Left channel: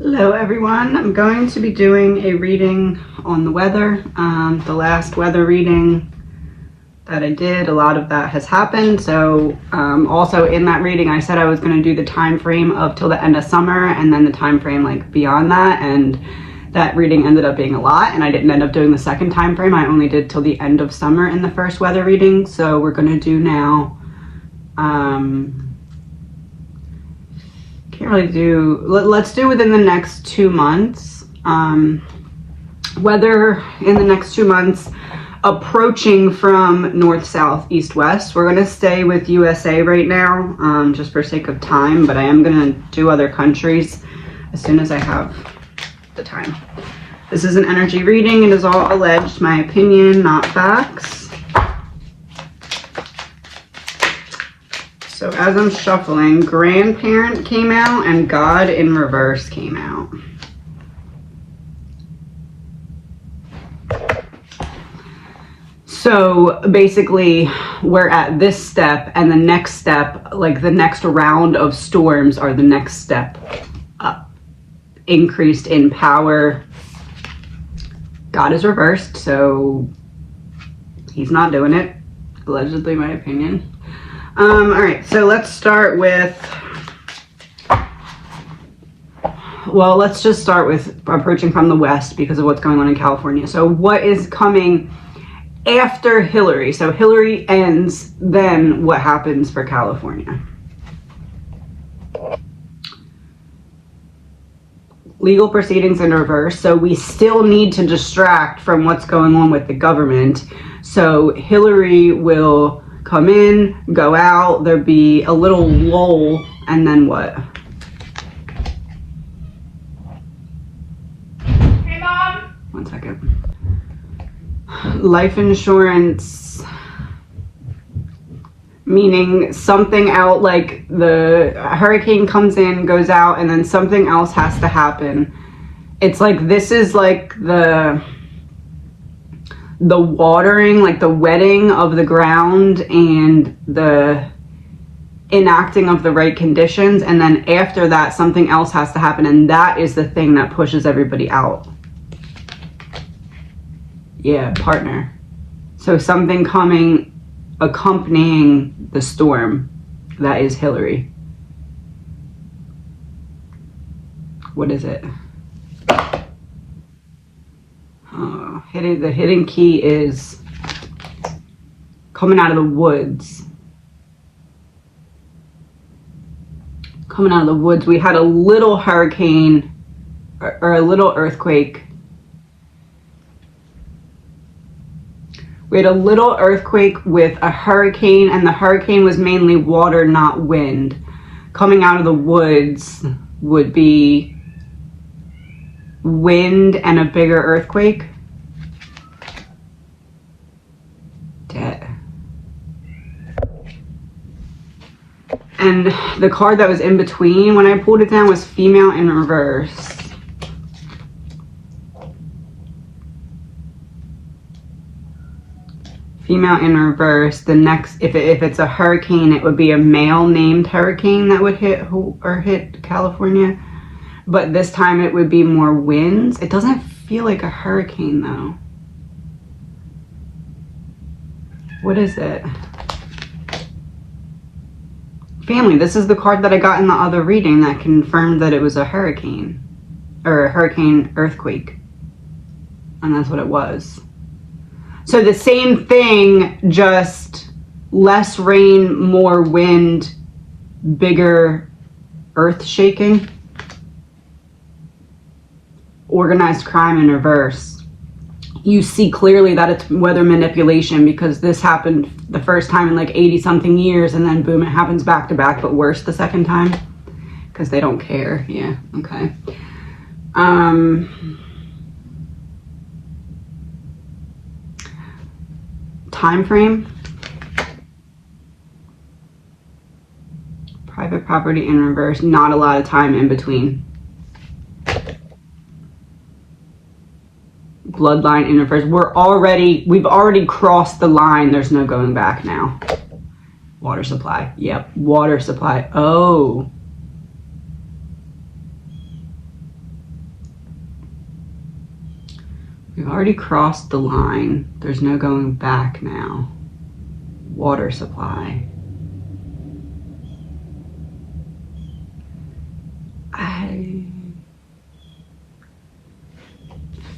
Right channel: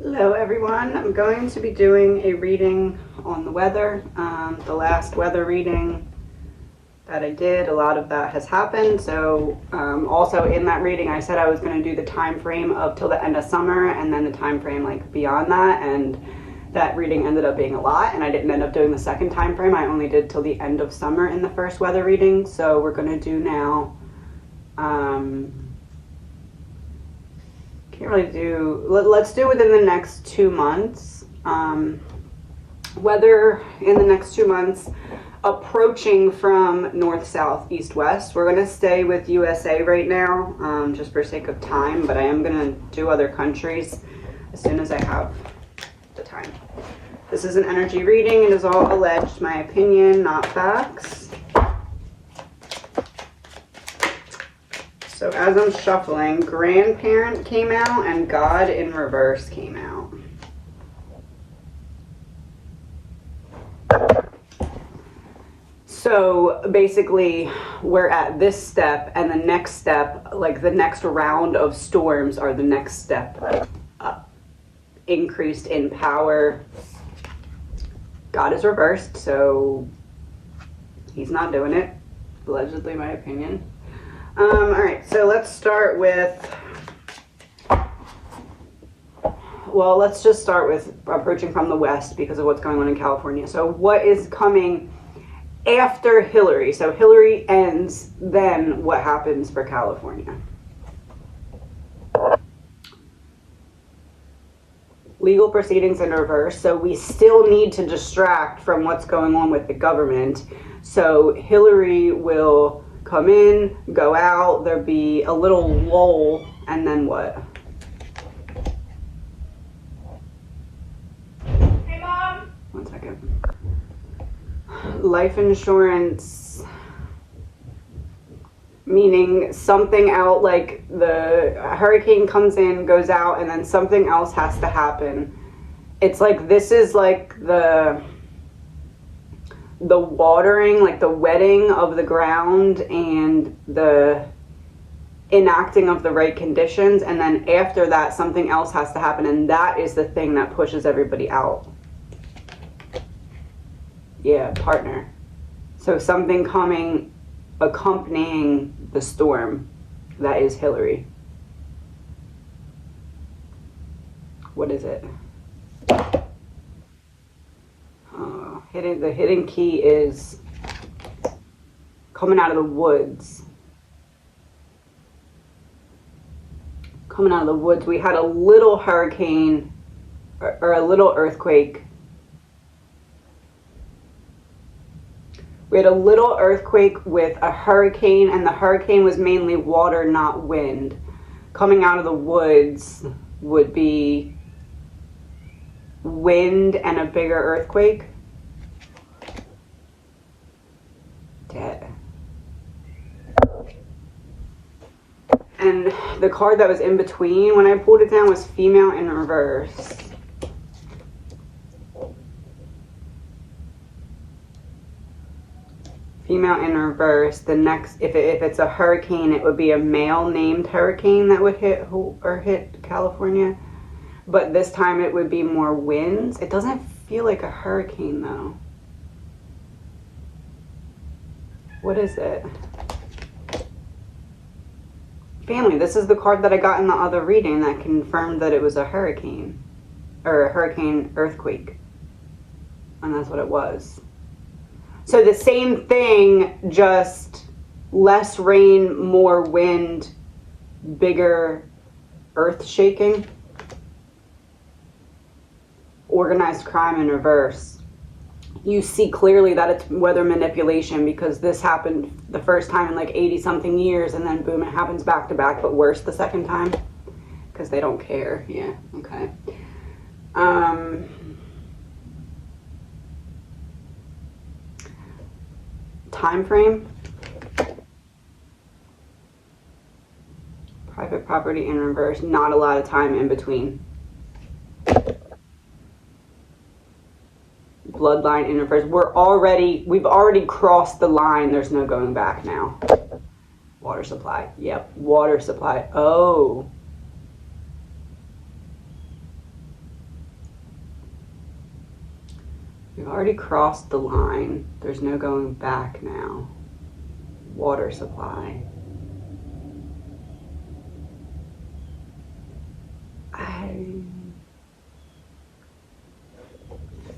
Hello everyone, I'm going to be doing a reading on the weather. The last weather reading that I did, a lot of that has happened. So also in that reading I said I was going to do the time frame of till the end of summer and then the time frame like beyond that, and that reading ended up being a lot and I didn't end up doing the second time frame. I only did till the end of summer in the first weather reading. So we're going to do now can't really do, let's do within the next 2 months. Weather in the next 2 months approaching from north, south, east, west. We're going to stay with USA right now, just for sake of time, but I am going to do other countries as soon as I have the time. This is an energy reading. It is all alleged, my opinion, not facts. So as I'm shuffling, grandparent came out and God in reverse came out. So basically we're at this step, and the next step, like the next round of storms are the next step up. Increased in power. God is reversed, so he's not doing it. Allegedly, my opinion. All right, so let's start with, well, let's just start with approaching from the west because of what's going on in California. So what is coming after Hillary? So Hillary ends, then what happens for California? Legal proceedings in reverse. So we still need to distract from what's going on with the government. So Hillary will come in, go out, there'll be a little lull, and then what? Hey, Mom. 1 second. Life insurance, meaning something out, like the hurricane comes in, goes out, and then something else has to happen. It's like, this is like the watering, like the wetting of the ground and the enacting of the right conditions, and then after that something else has to happen, and that is the thing that pushes everybody out. Yeah, partner. So something coming accompanying the storm, that is Hillary. What is it? The hidden key is coming out of the woods. Coming out of the woods. We had a little hurricane or a little earthquake. We had a little earthquake with a hurricane, and the hurricane was mainly water, not wind. Coming out of the woods would be wind and a bigger earthquake. And the card that was in between when I pulled it down was female in reverse. Female in reverse. The next, if it's a hurricane, it would be a male named hurricane that would hit California. But this time it would be more winds. It doesn't feel like a hurricane though. What is it? Family. This is the card that I got in the other reading that confirmed that it was a hurricane. Or a hurricane earthquake. And that's what it was. So the same thing, just less rain, more wind, bigger earth shaking. Organized crime in reverse. You see clearly that it's weather manipulation, because this happened the first time in like 80 something years, and then boom, it happens back to back, but worse the second time because they don't care. Yeah, okay. Time frame. Private property in reverse. Not a lot of time in between. Bloodline in reverse. We've already crossed the line. There's no going back now. Water supply. Yep. Water supply. Oh. We've already crossed the line. There's no going back now. Water supply.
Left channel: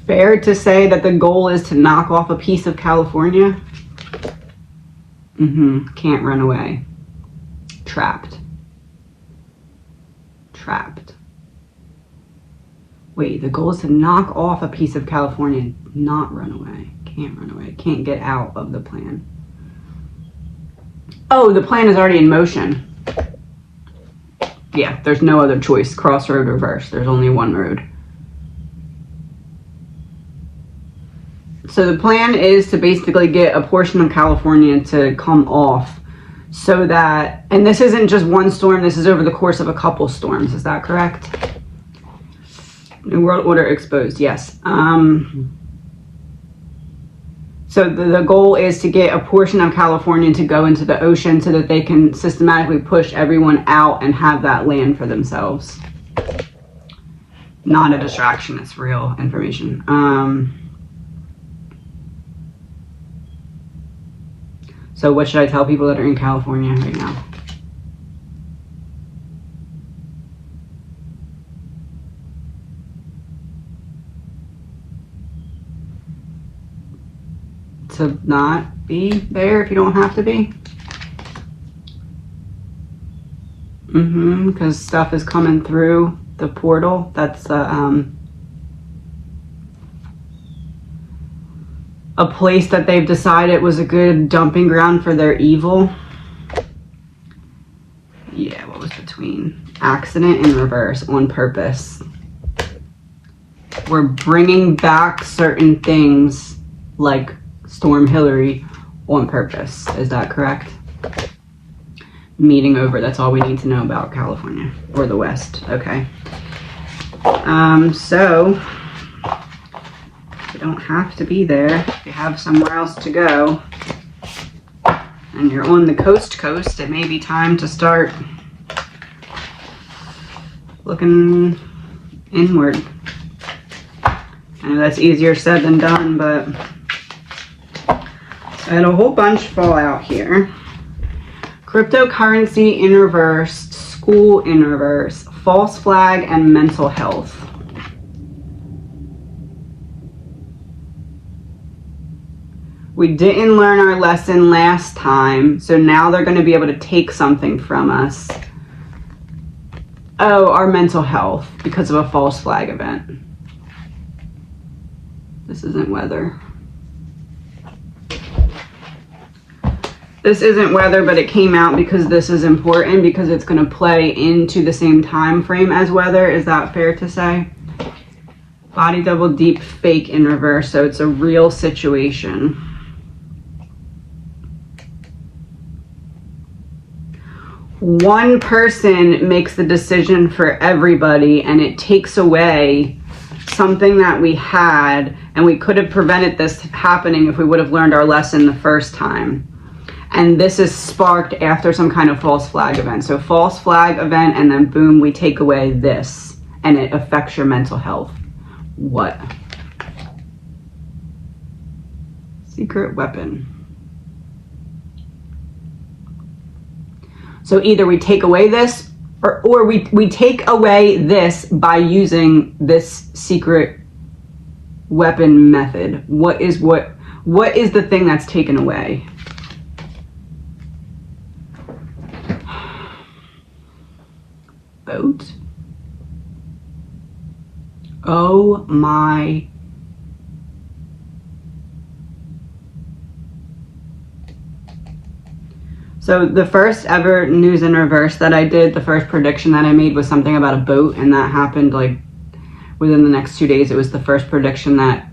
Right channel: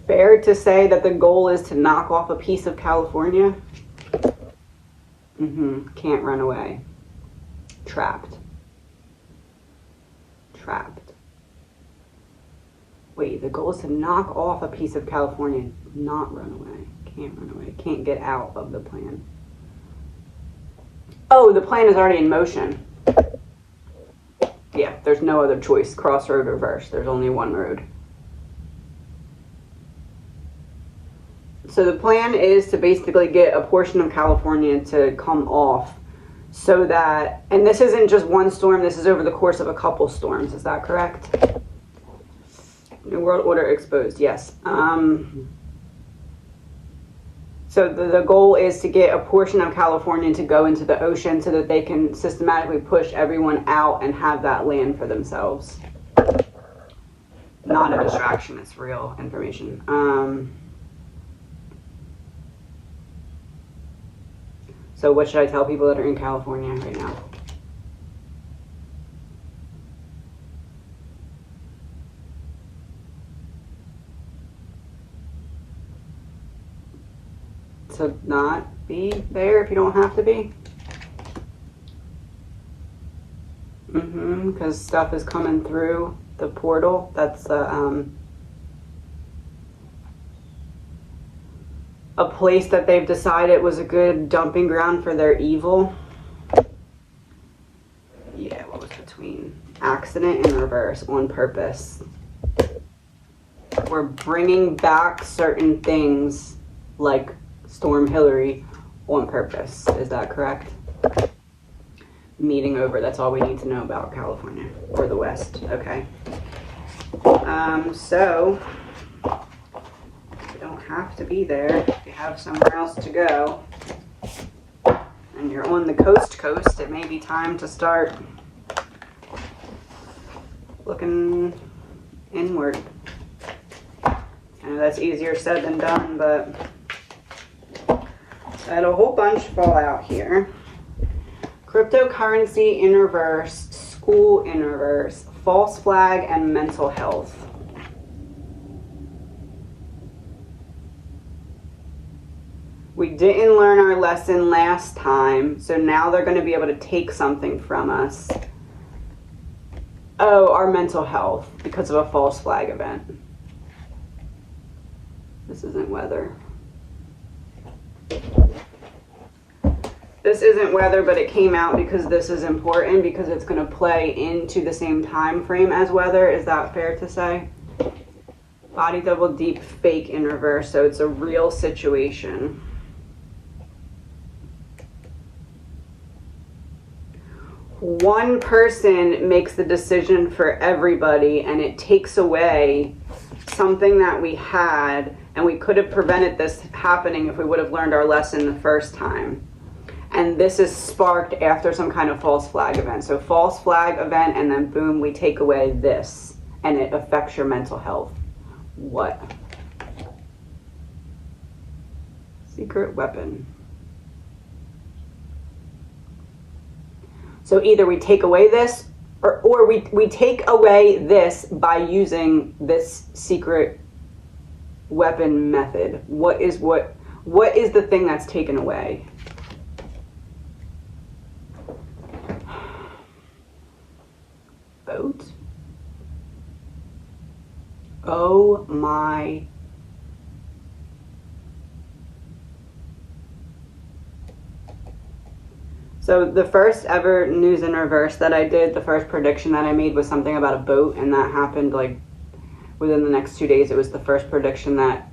Fair to say that the goal is to knock off a piece of California? Can't run away. Trapped. Trapped. Wait, the goal is to knock off a piece of California, not run away. Can't run away. Can't get out of the plan. Oh, the plan is already in motion. Yeah, there's no other choice. Crossroad, reverse. There's only one road. So the plan is to basically get a portion of California to come off so that, and this isn't just one storm, this is over the course of a couple storms. Is that correct? New World Order exposed, yes. So the goal is to get a portion of California to go into the ocean so that they can systematically push everyone out and have that land for themselves. Not a distraction, it's real information. So what should I tell people that are in California right now? To not be there if you don't have to be? Because stuff is coming through the portal. That's a place that they've decided was a good dumping ground for their evil. Yeah, what was between? Accident and reverse on purpose. We're bringing back certain things like Storm Hillary on purpose. Is that correct? Meeting over. That's all we need to know about California or the West. Okay. So you don't have to be there. If you have somewhere else to go and you're on the coast, it may be time to start looking inward. I know that's easier said than done, but I had a whole bunch fall out here. Cryptocurrency in reverse, school in reverse, false flag, and mental health. We didn't learn our lesson last time, so now they're going to be able to take something from us. Oh, our mental health because of a false flag event. This isn't weather. This isn't weather, but it came out because this is important because it's going to play into the same time frame as weather. Is that fair to say? Body double deep fake in reverse, so it's a real situation. One person makes the decision for everybody, and it takes away something that we had, and we could have prevented this happening if we would have learned our lesson the first time. And this is sparked after some kind of false flag event. So false flag event, and then boom, we take away this, and it affects your mental health. What? Secret weapon. So either we take away this, or we take away this by using this secret weapon method. What is the thing that's taken away? Boat? Oh my. So the first ever news in reverse that I did, the first prediction that I made was something about a boat, and that happened like within the next 2 days. It was the first prediction that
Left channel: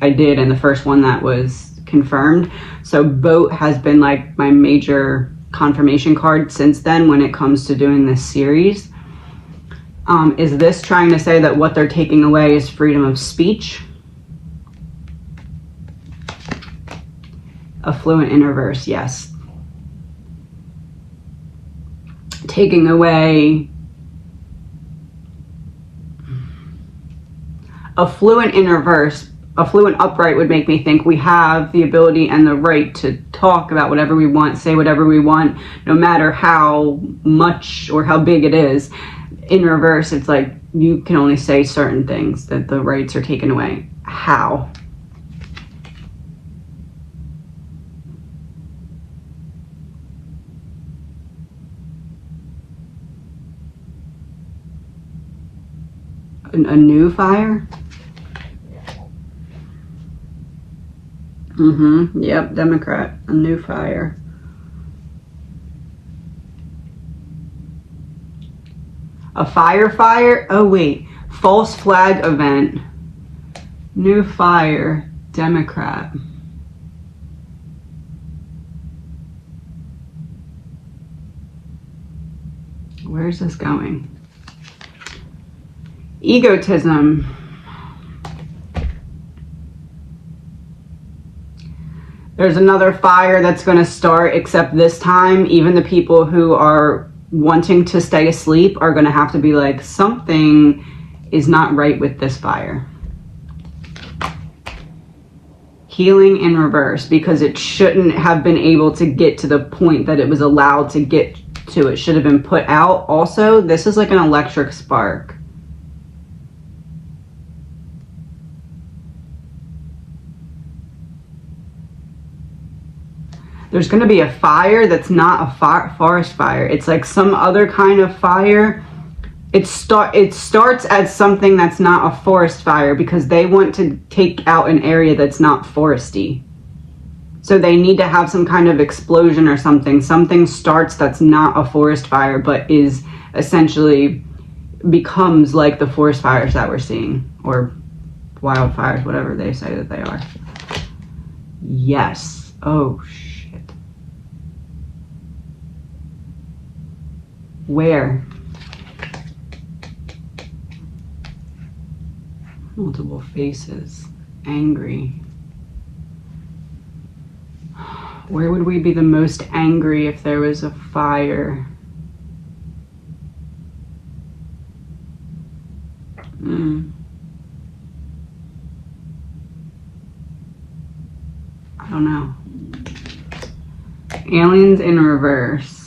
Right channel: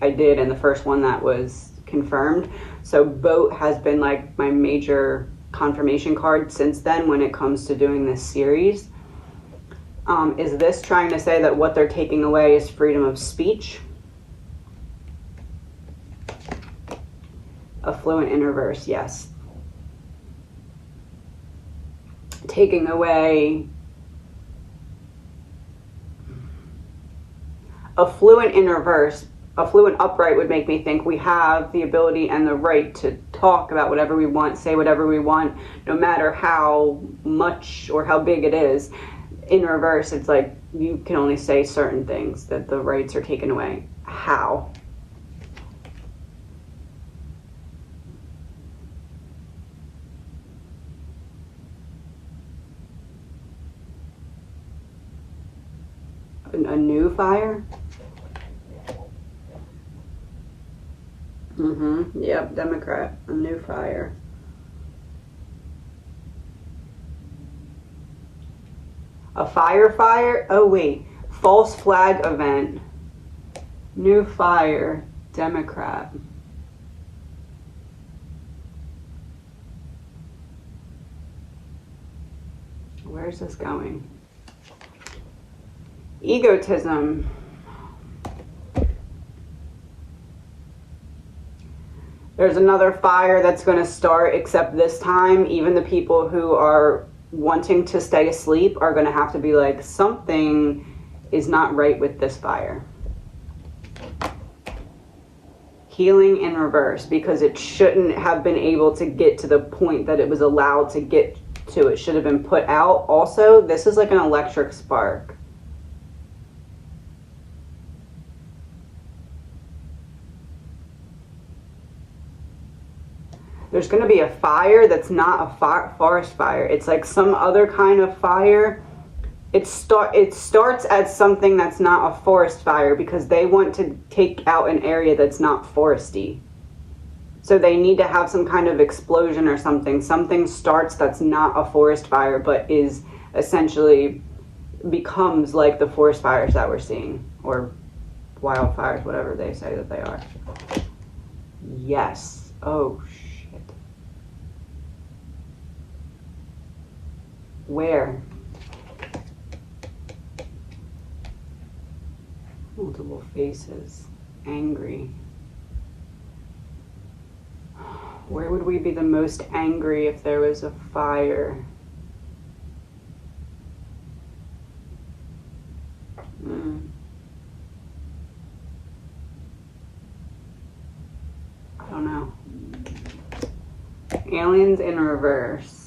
I did and the first one that was confirmed. So boat has been like my major confirmation card since then when it comes to doing this series. Is this trying to say that what they're taking away is freedom of speech? Affluent in reverse, yes. Taking away affluent in reverse affluent upright would make me think we have the ability and the right to talk about whatever we want, say whatever we want, no matter how much or how big it is. In reverse, it's like you can only say certain things, that the rights are taken away. How? A new fire? Yep, Democrat. A new fire. A fire? Oh wait. False flag event. New fire. Democrat. Where's this going? Egotism. There's another fire that's going to start, except this time, even the people who are wanting to stay asleep are going to have to be like, something is not right with this fire. Healing in reverse, because it shouldn't have been able to get to the point that it was allowed to get to. It should have been put out. Also, this is like an electric spark. There's going to be a fire that's not a forest fire. It's like some other kind of fire. It starts as something that's not a forest fire because they want to take out an area that's not foresty. So they need to have some kind of explosion or something. Something starts that's not a forest fire, but is essentially becomes like the forest fires that we're seeing, or wildfires, whatever they say that they are. Yes. Oh, shit. Where? Multiple faces. Angry. Where would we be the most angry if there was a fire? I don't know. Aliens in reverse.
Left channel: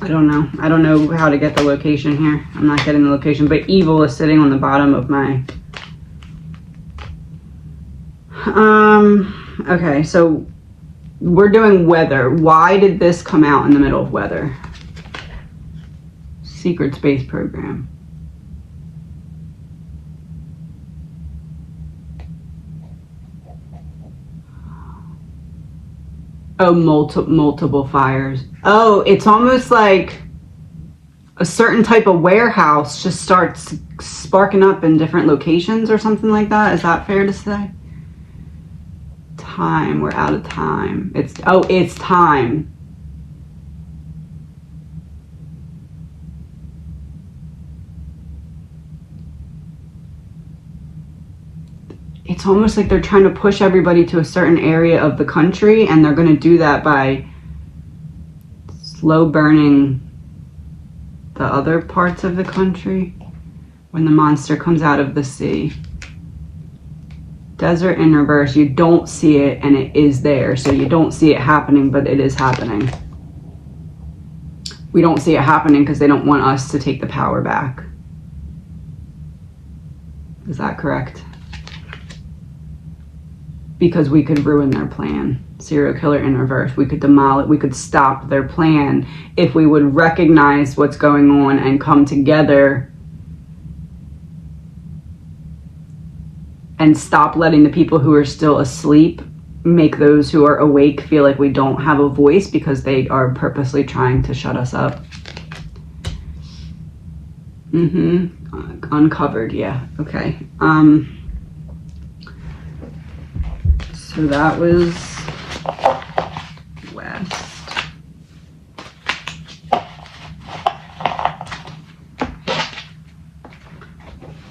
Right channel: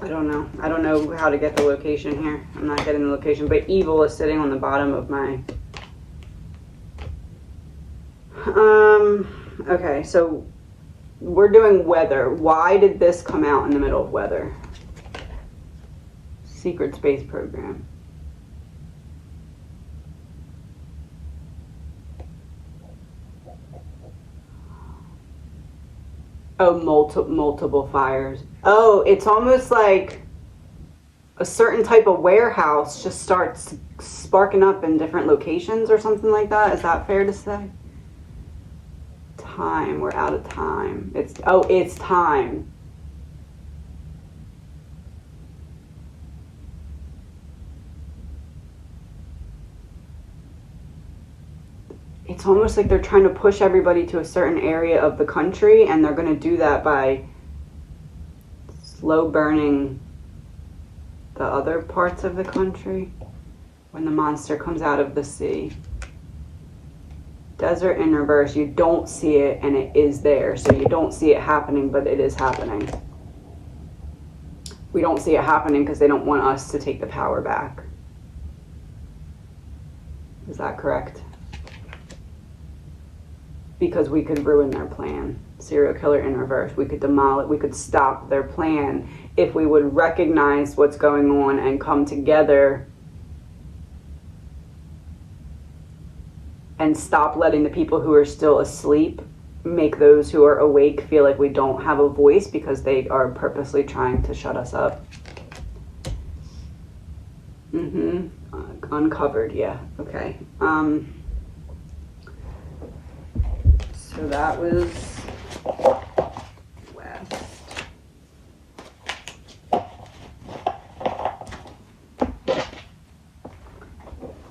I don't know. I don't know how to get the location here. I'm not getting the location, but evil is sitting on the bottom of my... Okay, so we're doing weather. Why did this come out in the middle of weather? Secret space program. Oh, multiple fires. Oh, it's almost like a certain type of warehouse just starts sparking up in different locations or something like that. Is that fair to say? Time. We're out of time. It's time. It's almost like they're trying to push everybody to a certain area of the country, and they're going to do that by slow burning the other parts of the country when the monster comes out of the sea. Desert in reverse. You don't see it, and it is there. So you don't see it happening, but it is happening. We don't see it happening because they don't want us to take the power back. Is that correct? Because we could ruin their plan. Serial killer in reverse. We could demolish, we could stop their plan if we would recognize what's going on and come together and stop letting the people who are still asleep make those who are awake feel like we don't have a voice because they are purposely trying to shut us up. Uncovered, yeah, okay. So that was west.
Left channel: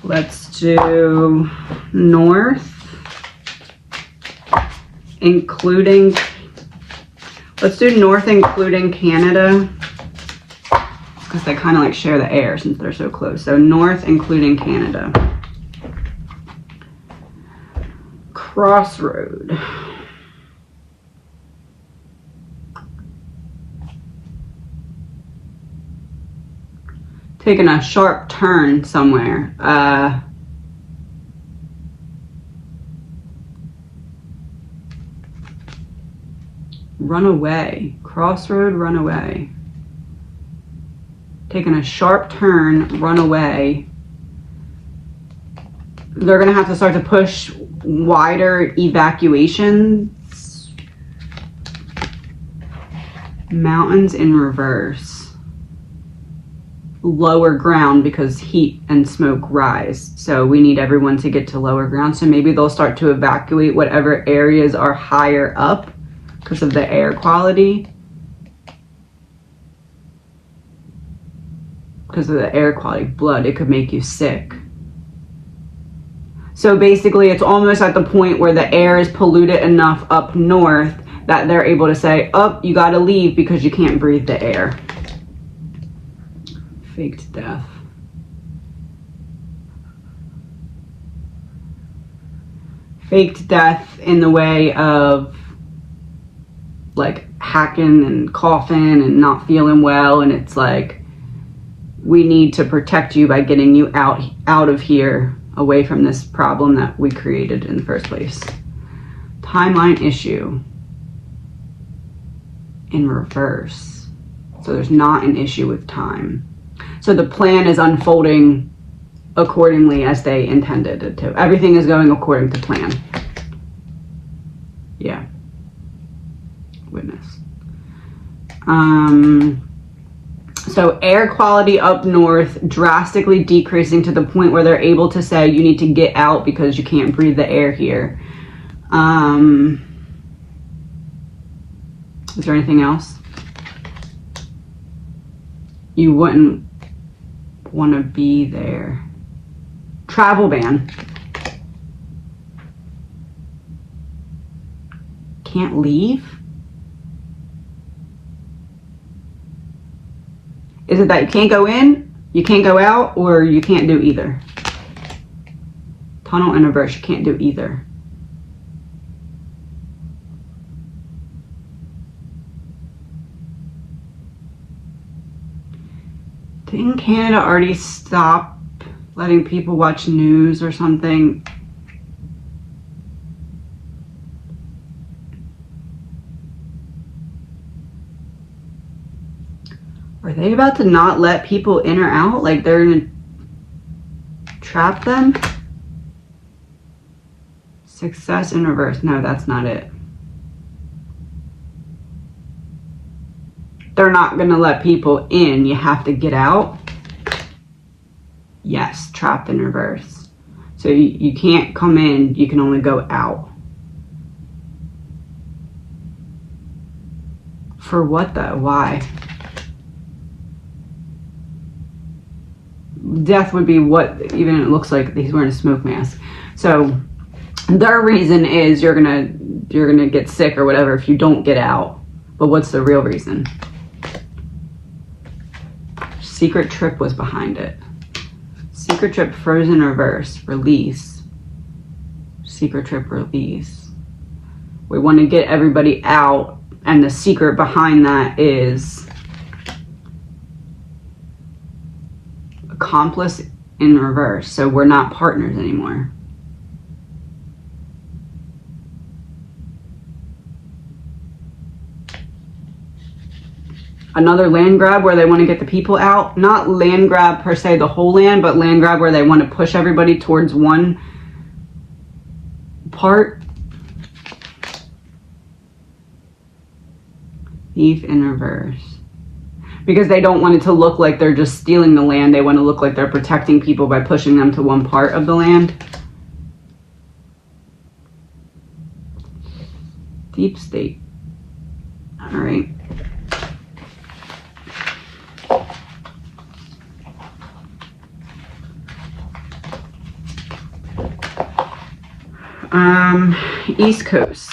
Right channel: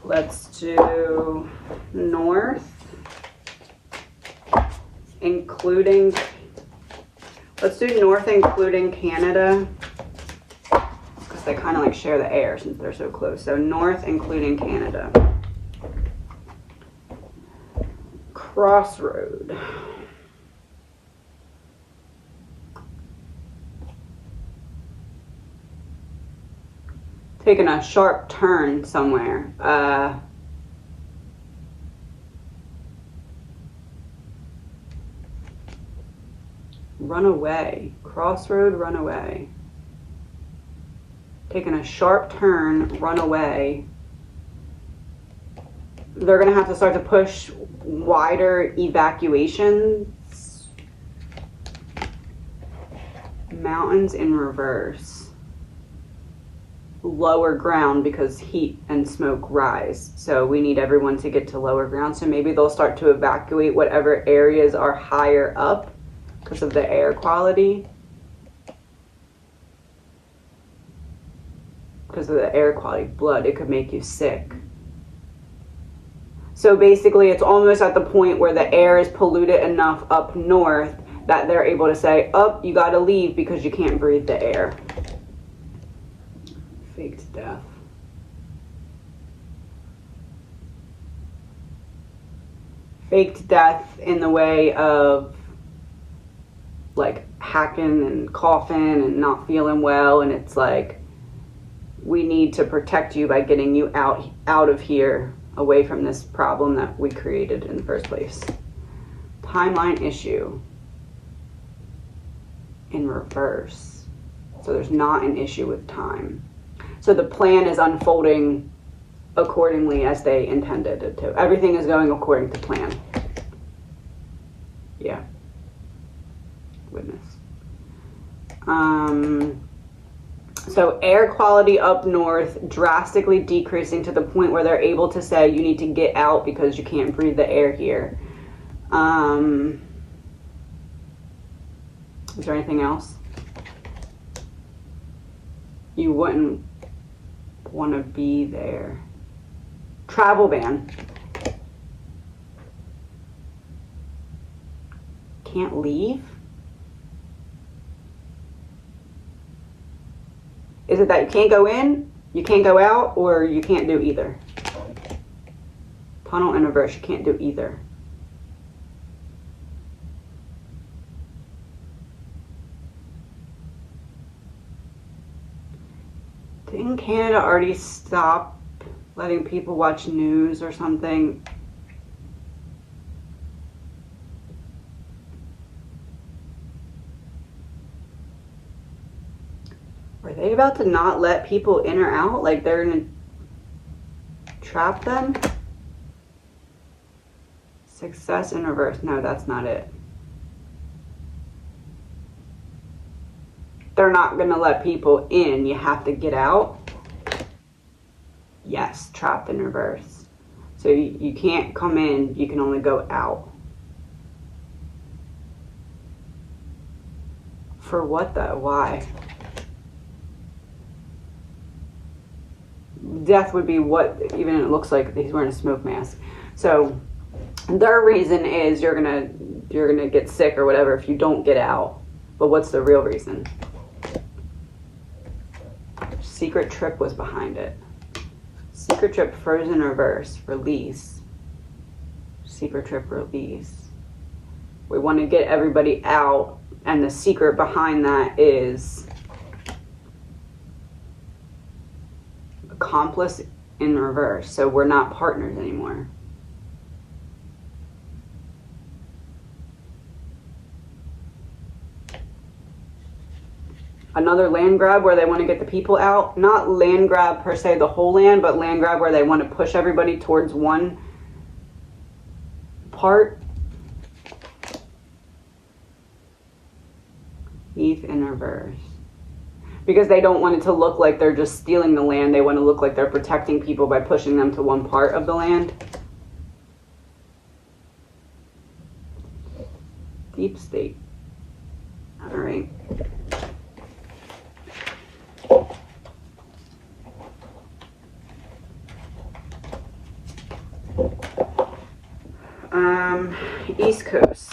Let's do north, including, let's do north including Canada. because they kind of like share the air since they're so close. So north, including Canada. Crossroad. Taking a sharp turn somewhere. Run away. Crossroad, run away. Taking a sharp turn, run away. They're going to have to start to push wider evacuations. Mountains in reverse. Lower ground because heat and smoke rise. So we need everyone to get to lower ground. So maybe they'll start to evacuate whatever areas are higher up because of the air quality. Because of the air quality, blood, it could make you sick. So basically it's almost at the point where the air is polluted enough up north that they're able to say, oh, you gotta leave because you can't breathe the air. Faked death. Faked death in the way of like hacking and coughing and not feeling well, and it's like, we need to protect you by getting you out of here, away from this problem that we created in the first place. Timeline issue in reverse. So there's not an issue with time. So the plan is unfolding accordingly as they intended it to. Everything is going according to plan. Yeah. Witness. So air quality up north drastically decreasing to the point where they're able to say you need to get out because you can't breathe the air here. Is there anything else? You wouldn't want to be there. Travel ban. Can't leave? Is it that you can't go in, you can't go out, or you can't do either? Tunnel in reverse, you can't do either. Didn't Canada already stop letting people watch news or something? Are they about to not let people in or out? Like they're gonna trap them? Success in reverse. No, that's not it. They're not gonna let people in. You have to get out. Yes, trapped in reverse. So you can't come in, you can only go out. For what though? Why? Death would be what, even it looks like he's wearing a smoke mask. So their reason is you're gonna get sick or whatever if you don't get out. But what's the real reason? Secret trip was behind it. Secret trip frozen reverse, release. Secret trip release. We want to get everybody out, and the secret behind that is accomplice in reverse. So we're not partners anymore. Another land grab where they want to get the people out. Not land grab per se the whole land, but land grab where they want to push everybody towards one part. Thief in reverse. Because they don't want it to look like they're just stealing the land. They want to look like they're protecting people by pushing them to one part of the land. Deep state. All right. East Coast.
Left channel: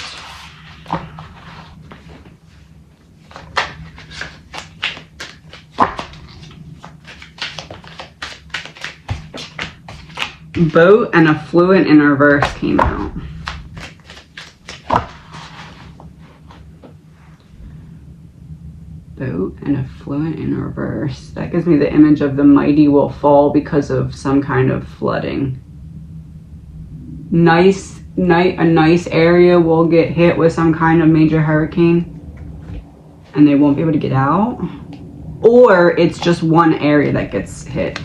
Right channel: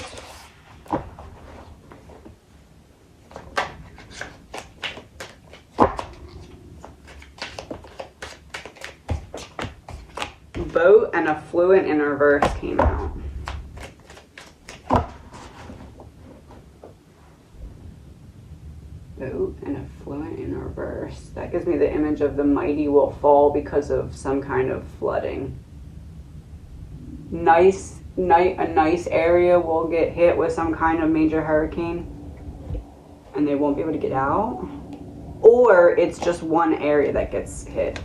Boat and affluent in reverse came out. Boat and affluent in reverse. That gives me the image of the mighty will fall because of some kind of flooding. A nice area will get hit with some kind of major hurricane and they won't be able to get out. Or it's just one area that gets hit.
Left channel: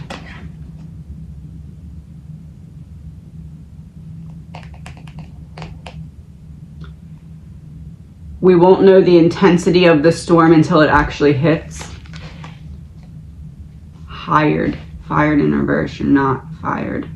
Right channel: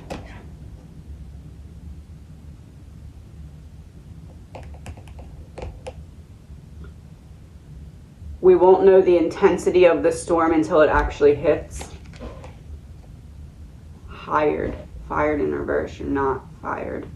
We won't know the intensity of the storm until it actually hits. Hired. Fired in reverse. You're not fired.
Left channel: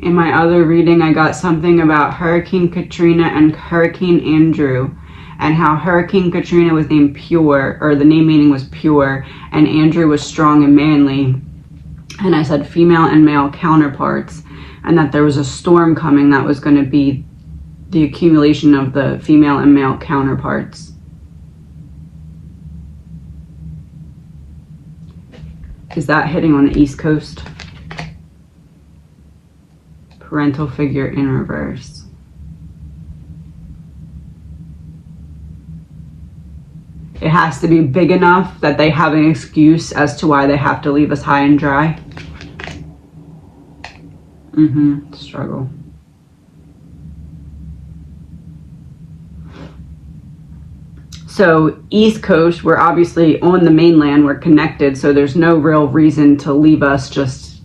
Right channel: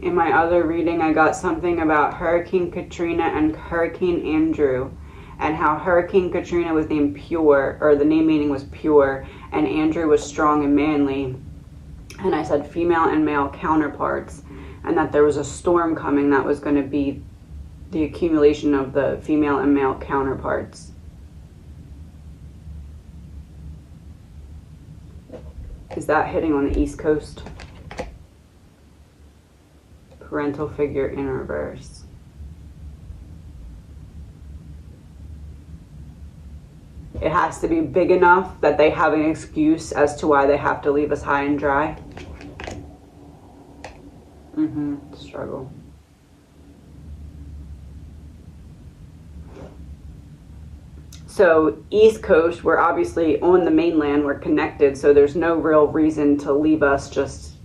In my other reading, I got something about Hurricane Katrina and Hurricane Andrew, and how Hurricane Katrina was named pure, or the name meaning was pure, and Andrew was strong and manly. And I said female and male counterparts, and that there was a storm coming that was going to be the accumulation of the female and male counterparts. Is that hitting on the East Coast? Parental figure in reverse. It has to be big enough that they have an excuse as to why they have to leave us high and dry. Struggle. So East Coast, we're obviously on the mainland, we're connected, so there's no real reason to leave us just,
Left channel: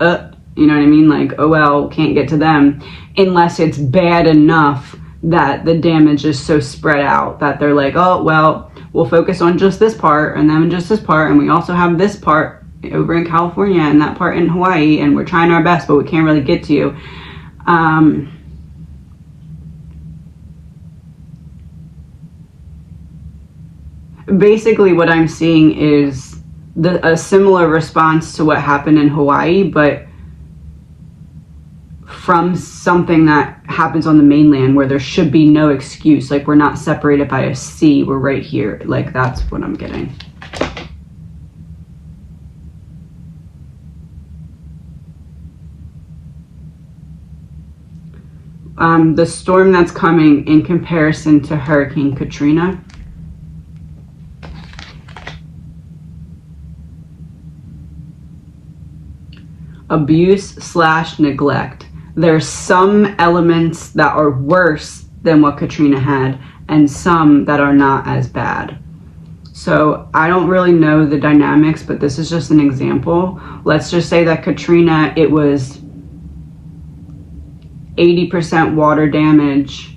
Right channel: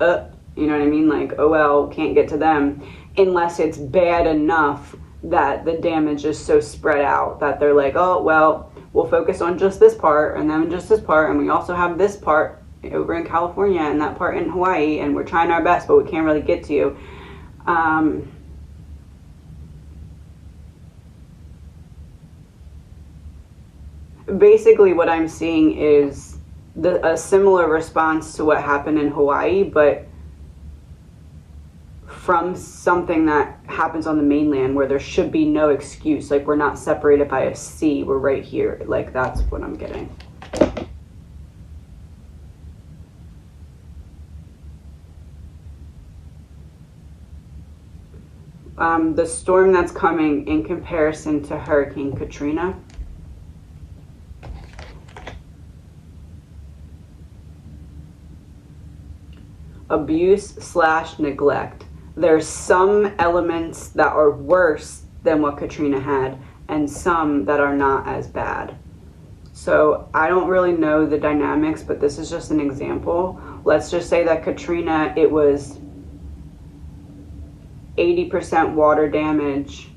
you know what I mean? Like, oh well, can't get to them, unless it's bad enough that the damage is so spread out that they're like, oh, well, we'll focus on just this part and then just this part. And we also have this part over in California and that part in Hawaii. And we're trying our best, but we can't really get to you. Basically, what I'm seeing is a similar response to what happened in Hawaii, but from something that happens on the mainland where there should be no excuse. Like, we're not separated by a sea, we're right here. Like, that's what I'm getting. The storm that's coming in comparison to Hurricane Katrina. Abuse/neglect. There's some elements that are worse than what Katrina had and some that are not as bad. So I don't really know the dynamics, but this is just an example. Let's just say that Katrina, it was 80% water damage,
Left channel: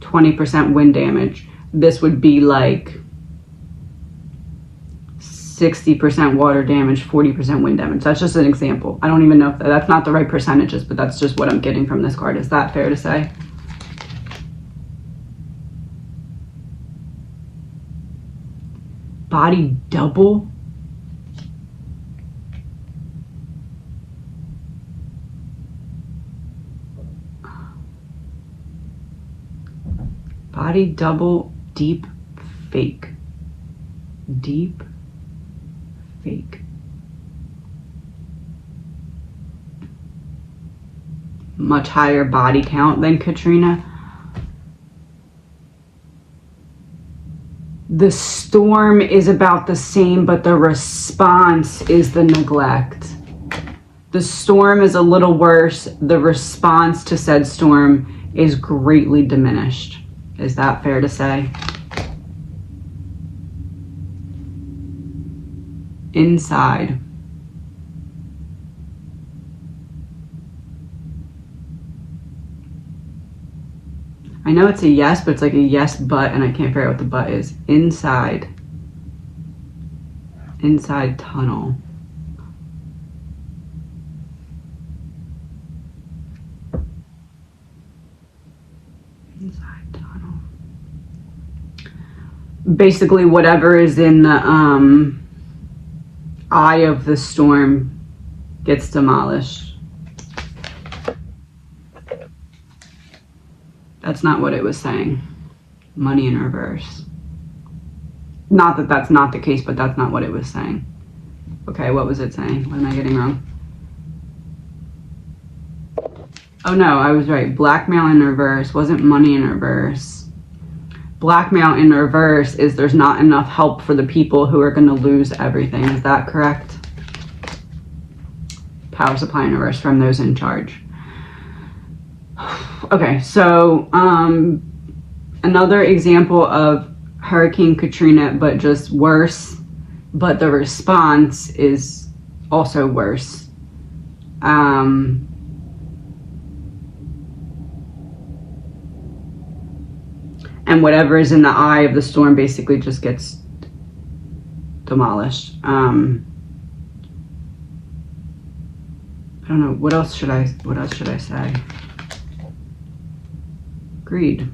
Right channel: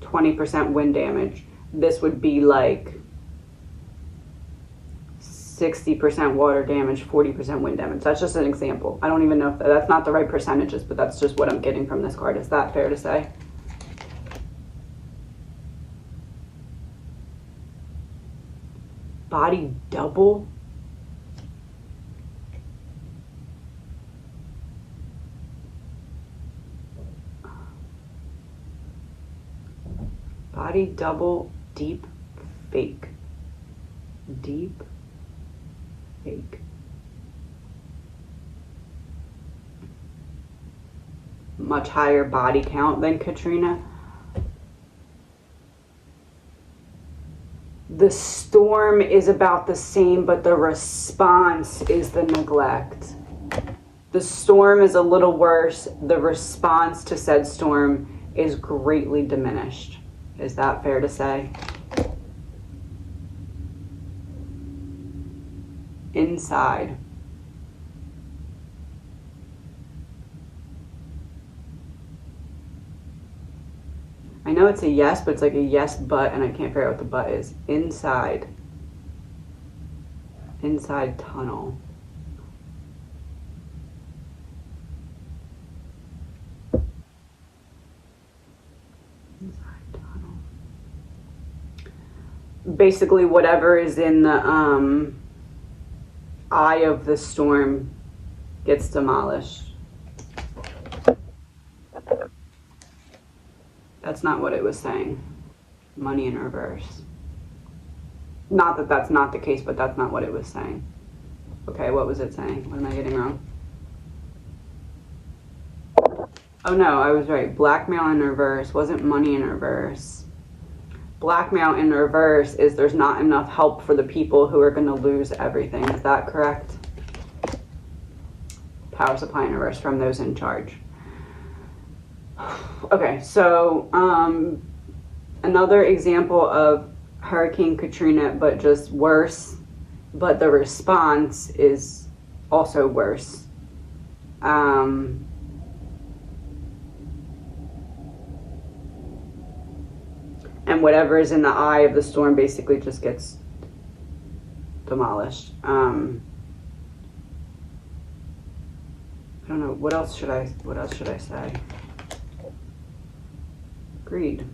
20% wind damage. This would be like 60% water damage, 40% wind damage. That's just an example. I don't even know if that's not the right percentages, but that's just what I'm getting from this card. Is that fair to say? Body double? Body double, deep fake. Deep fake. Much higher body count than Katrina. The storm is about the same, but the response is the neglect. The storm is a little worse. The response to said storm is greatly diminished. Is that fair to say? Inside. I know it's a yes, but it's like a yes but, and I can't figure out what the but is. Inside. Inside tunnel. Inside tunnel. Basically, whatever is in the eye of the storm gets demolished. That's not what it was saying. Money in reverse. Not that that's not the case, but that's not what it was saying. Okay, what was it saying? What am I getting wrong? Oh no, I was right. Blackmail in reverse wasn't money in reverse. Blackmail in reverse is there's not enough help for the people who are going to lose everything. Is that correct? Power supply in reverse from those in charge. Okay, so another example of Hurricane Katrina, but just worse, but the response is also worse. And whatever is in the eye of the storm basically just gets demolished. I don't know, what else should I say? Greed.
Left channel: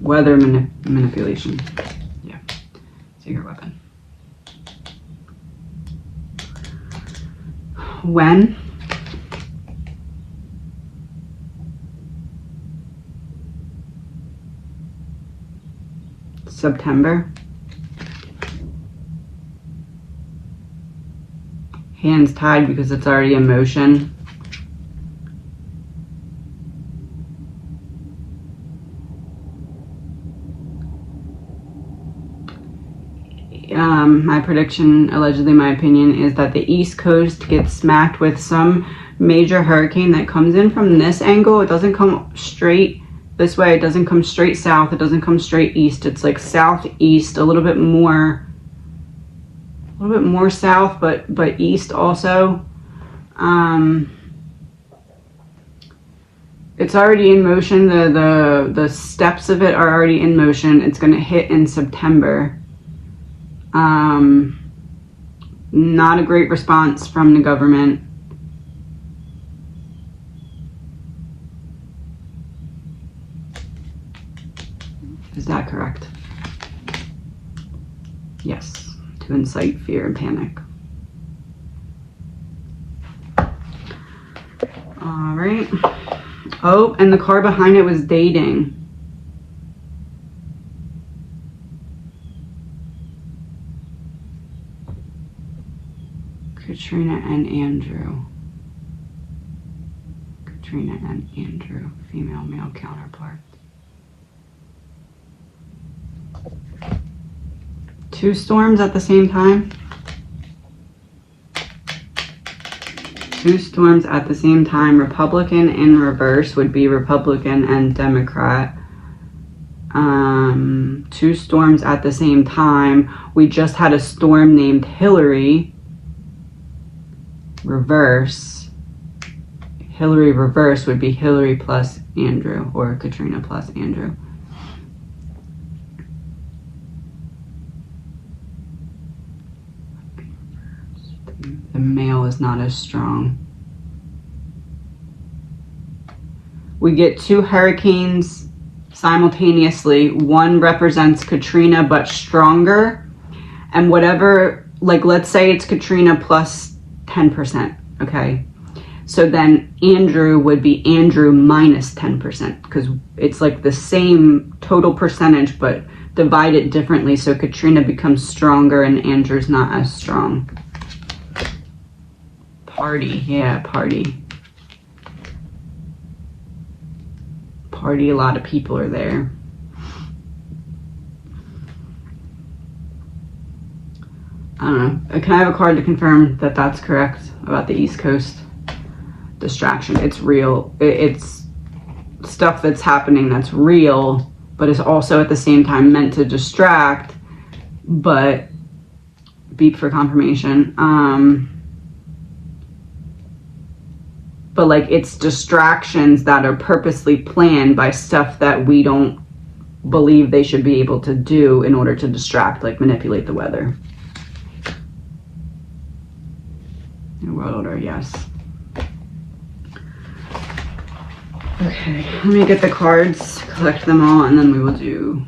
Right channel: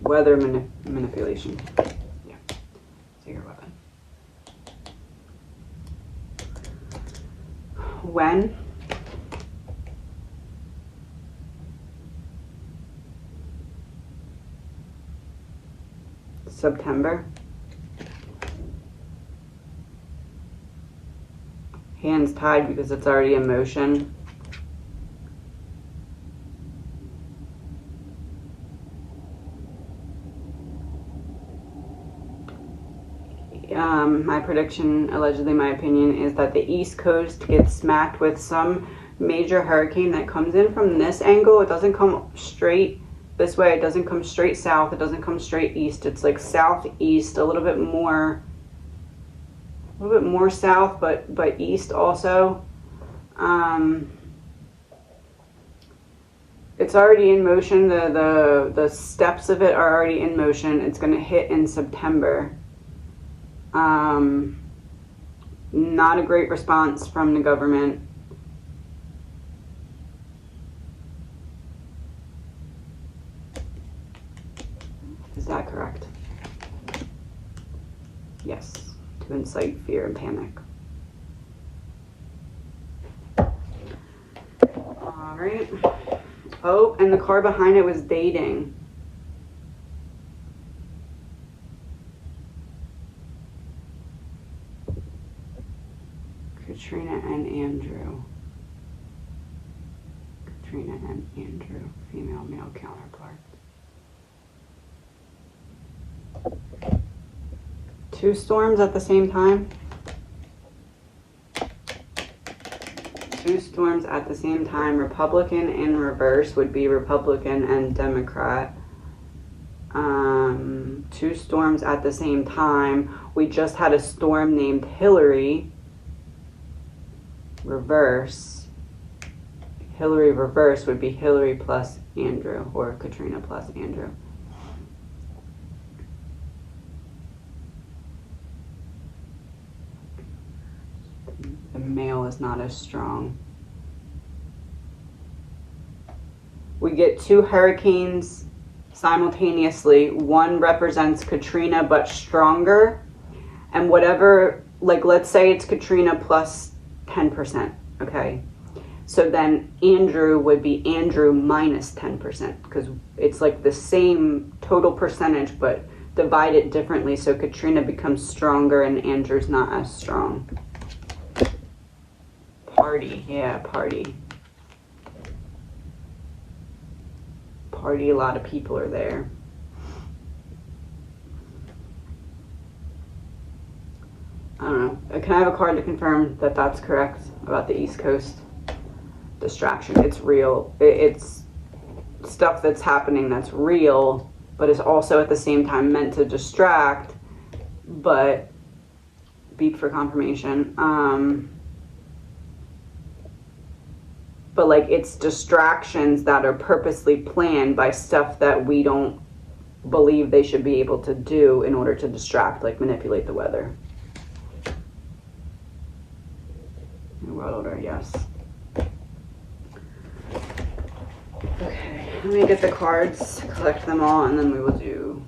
Weather manipulation. Yeah. Secret weapon. When? September. Hands tied because it's already in motion. My prediction, allegedly my opinion, is that the East Coast gets smacked with some major hurricane that comes in from this angle. It doesn't come straight this way. It doesn't come straight south. It doesn't come straight east. It's like southeast, a little bit more south, but east also. It's already in motion. The steps of it are already in motion. It's going to hit in September. Not a great response from the government. Is that correct? Yes, to incite fear and panic. All right. Oh, and the car behind it was dating. Katrina and Andrew. Katrina and Andrew, female, male counterpart. Two storms at the same time? Two storms at the same time. Republican in reverse would be Republican and Democrat. Two storms at the same time. We just had a storm named Hillary. Reverse. Hillary reverse would be Hillary plus Andrew, or Katrina plus Andrew. The male is not as strong. We get two hurricanes simultaneously. One represents Katrina but stronger, and whatever, like let's say it's Katrina plus 10%, okay? So then Andrew would be Andrew minus 10%, because it's like the same total percentage but divided differently, so Katrina becomes stronger and Andrew's not as strong. Party, yeah, party. Party, a lot of people are there. I don't know. Can I have a card to confirm that that's correct about the East Coast? Distraction. It's real. It's stuff that's happening that's real, but is also at the same time meant to distract, but beep for confirmation. But like it's distractions that are purposely planned by stuff that we don't believe they should be able to do in order to distract, like manipulate the weather. World order, yes. Okay, let me get the cards, collect them all, and then we will do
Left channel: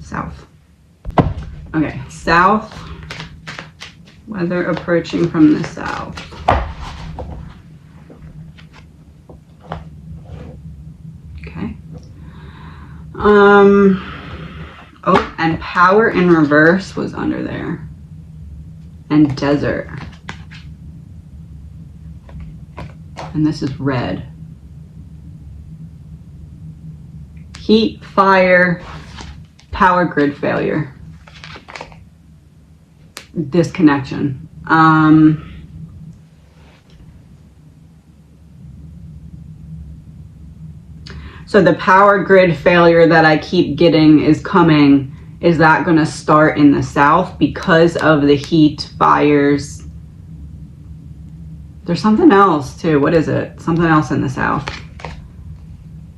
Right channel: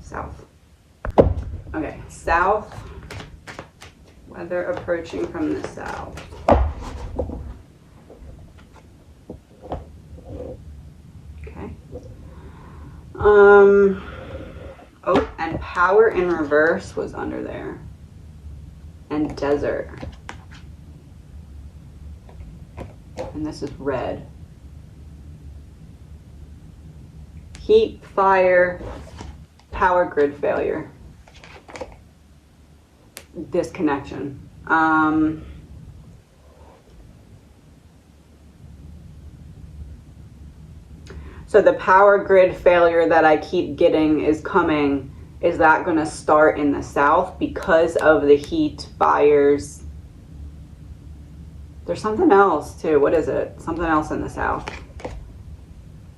south. Okay, south. Weather approaching from the south. Oh, and power in reverse was under there. And desert. And this is red. Heat, fire, power grid failure. Disconnection. So the power grid failure that I keep getting is coming. Is that going to start in the south because of the heat, fires? There's something else too. What is it? Something else in the south.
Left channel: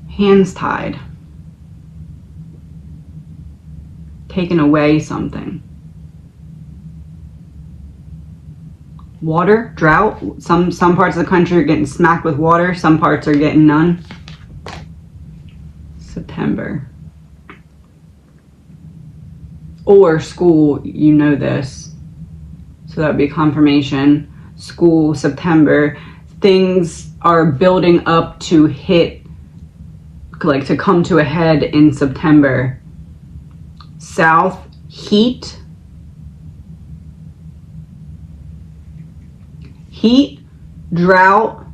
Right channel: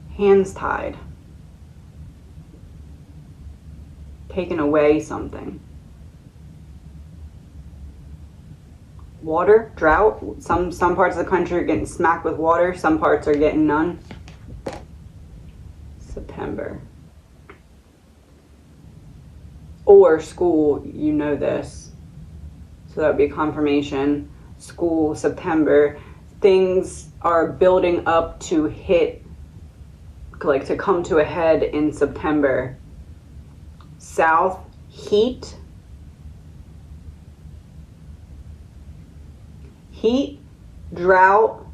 Hands tied. Taken away something. Water, drought. Some parts of the country are getting smacked with water. Some parts are getting none. September. Or school, you know this. So that would be confirmation. School, September. Things are building up to hit, like to come to a head in September. South, heat. Heat, drought,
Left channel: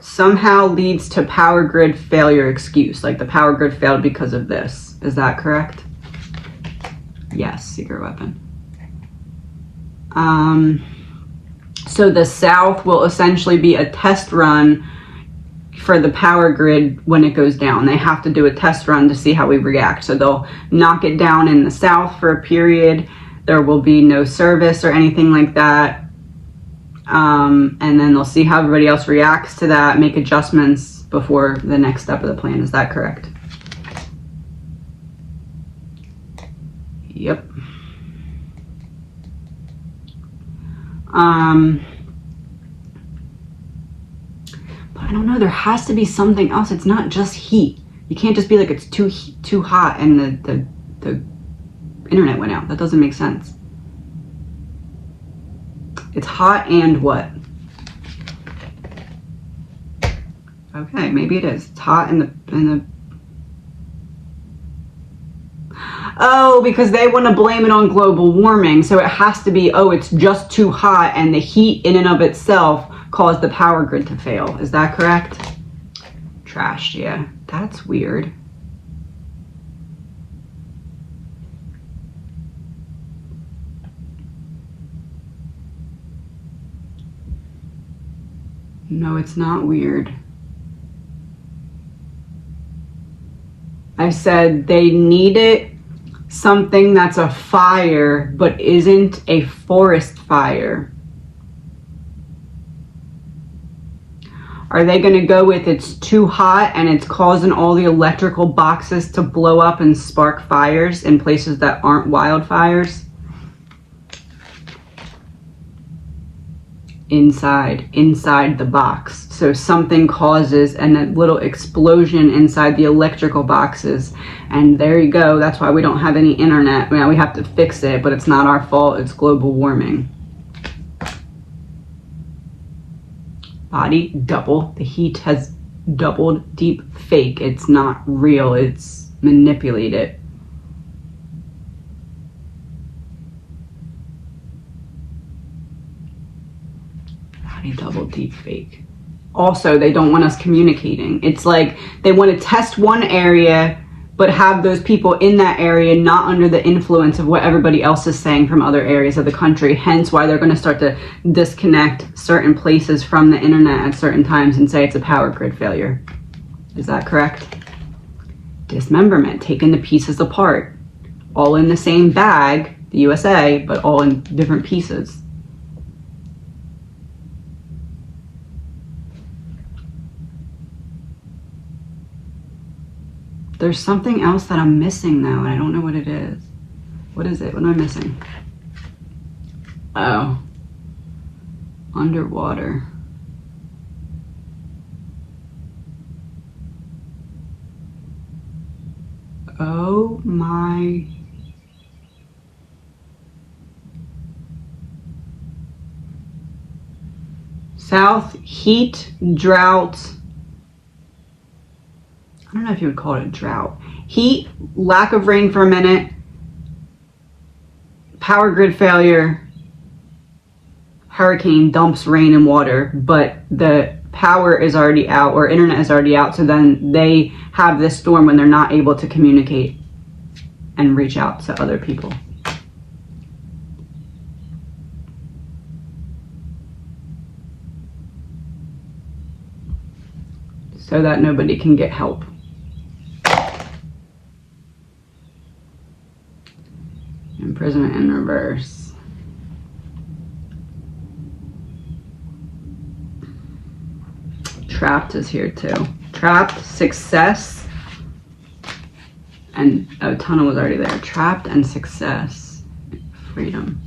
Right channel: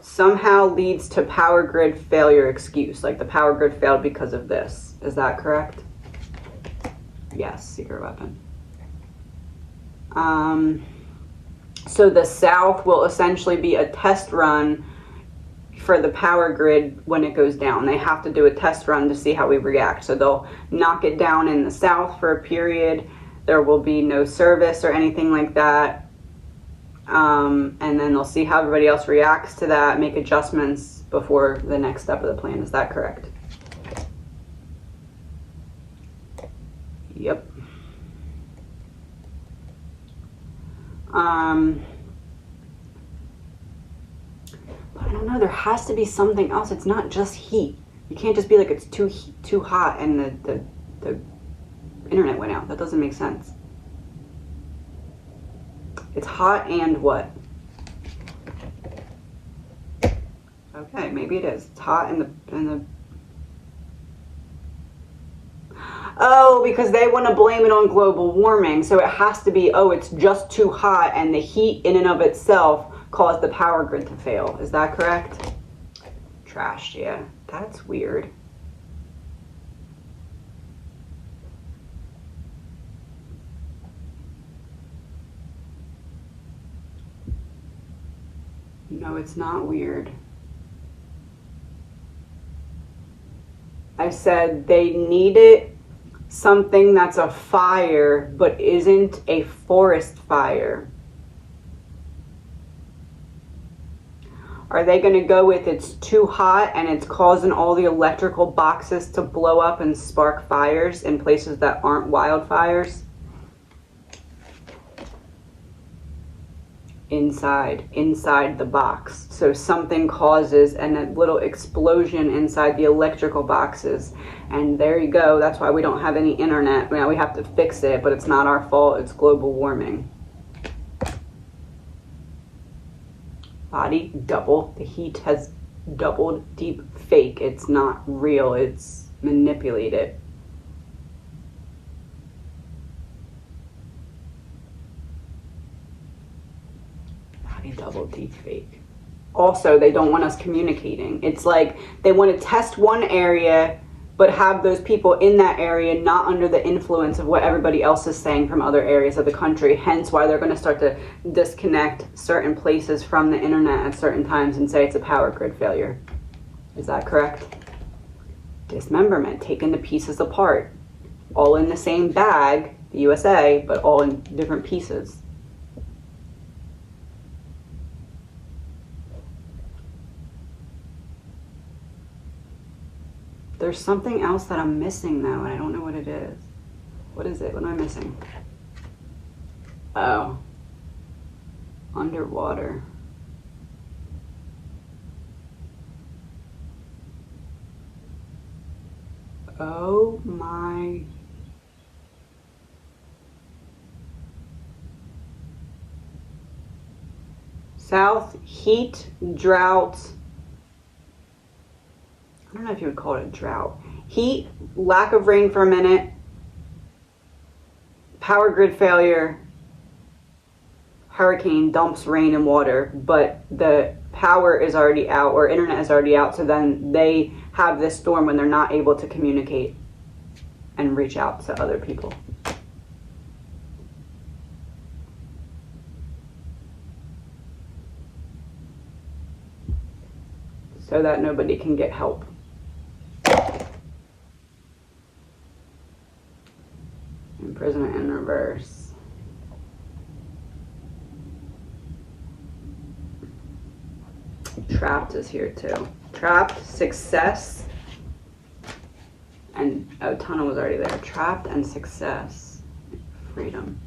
somehow leads to power grid failure excuse. Like the power grid failed because of this. Is that correct? Yes, secret weapon. So the south will essentially be a test run for the power grid when it goes down. They have to do a test run to see how we react. So they'll knock it down in the south for a period. There will be no service or anything like that. And then they'll see how everybody else reacts to that, make adjustments before the next step of the plan. Is that correct? Yep. But I don't know, there has to be something else. It's not just heat. You can't just be like it's too hot and the internet went out. That doesn't make sense. It's hot and what? Okay, maybe it is. It's hot in the Oh, because they want to blame it on global warming. So it has to be, oh, it's just too hot and the heat in and of itself caused the power grid to fail. Is that correct? Trashed, yeah. That's weird. No, it's not weird. I said they needed something that's a fire but isn't a forest fire. Are they going to go with it's too hot and it's causing all the electrical boxes to blow up and spark fires in places that aren't wildfires? Inside the box. So something causes a little explosion inside the electrical boxes. And there you go. That's why we don't have any internet. Now we have to fix it, but it's not our fault. It's global warming. Body double. The heat has doubled. Deep fake. It's not real. It's manipulated. Double deep fake. Also, they don't want us communicating. It's like they want to test one area but have those people in that area not under the influence of what everybody else is saying from other areas of the country. Hence why they're going to start to disconnect certain places from the internet at certain times and say it's a power grid failure. Is that correct? Dismemberment, taking the pieces apart, all in the same bag, the USA, but all in different pieces. There's something else that I'm missing though, and I don't know what it is. What is it? What am I missing? Oh. Underwater. Oh my. South, heat, drought. I don't know if you would call it a drought. Heat, lack of rain for a minute, power grid failure, hurricane dumps rain and water, but the power is already out or internet is already out, so then they have this storm when they're not able to communicate and reach out to other people. So that nobody can get help. Imprisonment in reverse. Trapped is here too. Trapped, success, and oh, tunnel was already there. Trapped and success, freedom.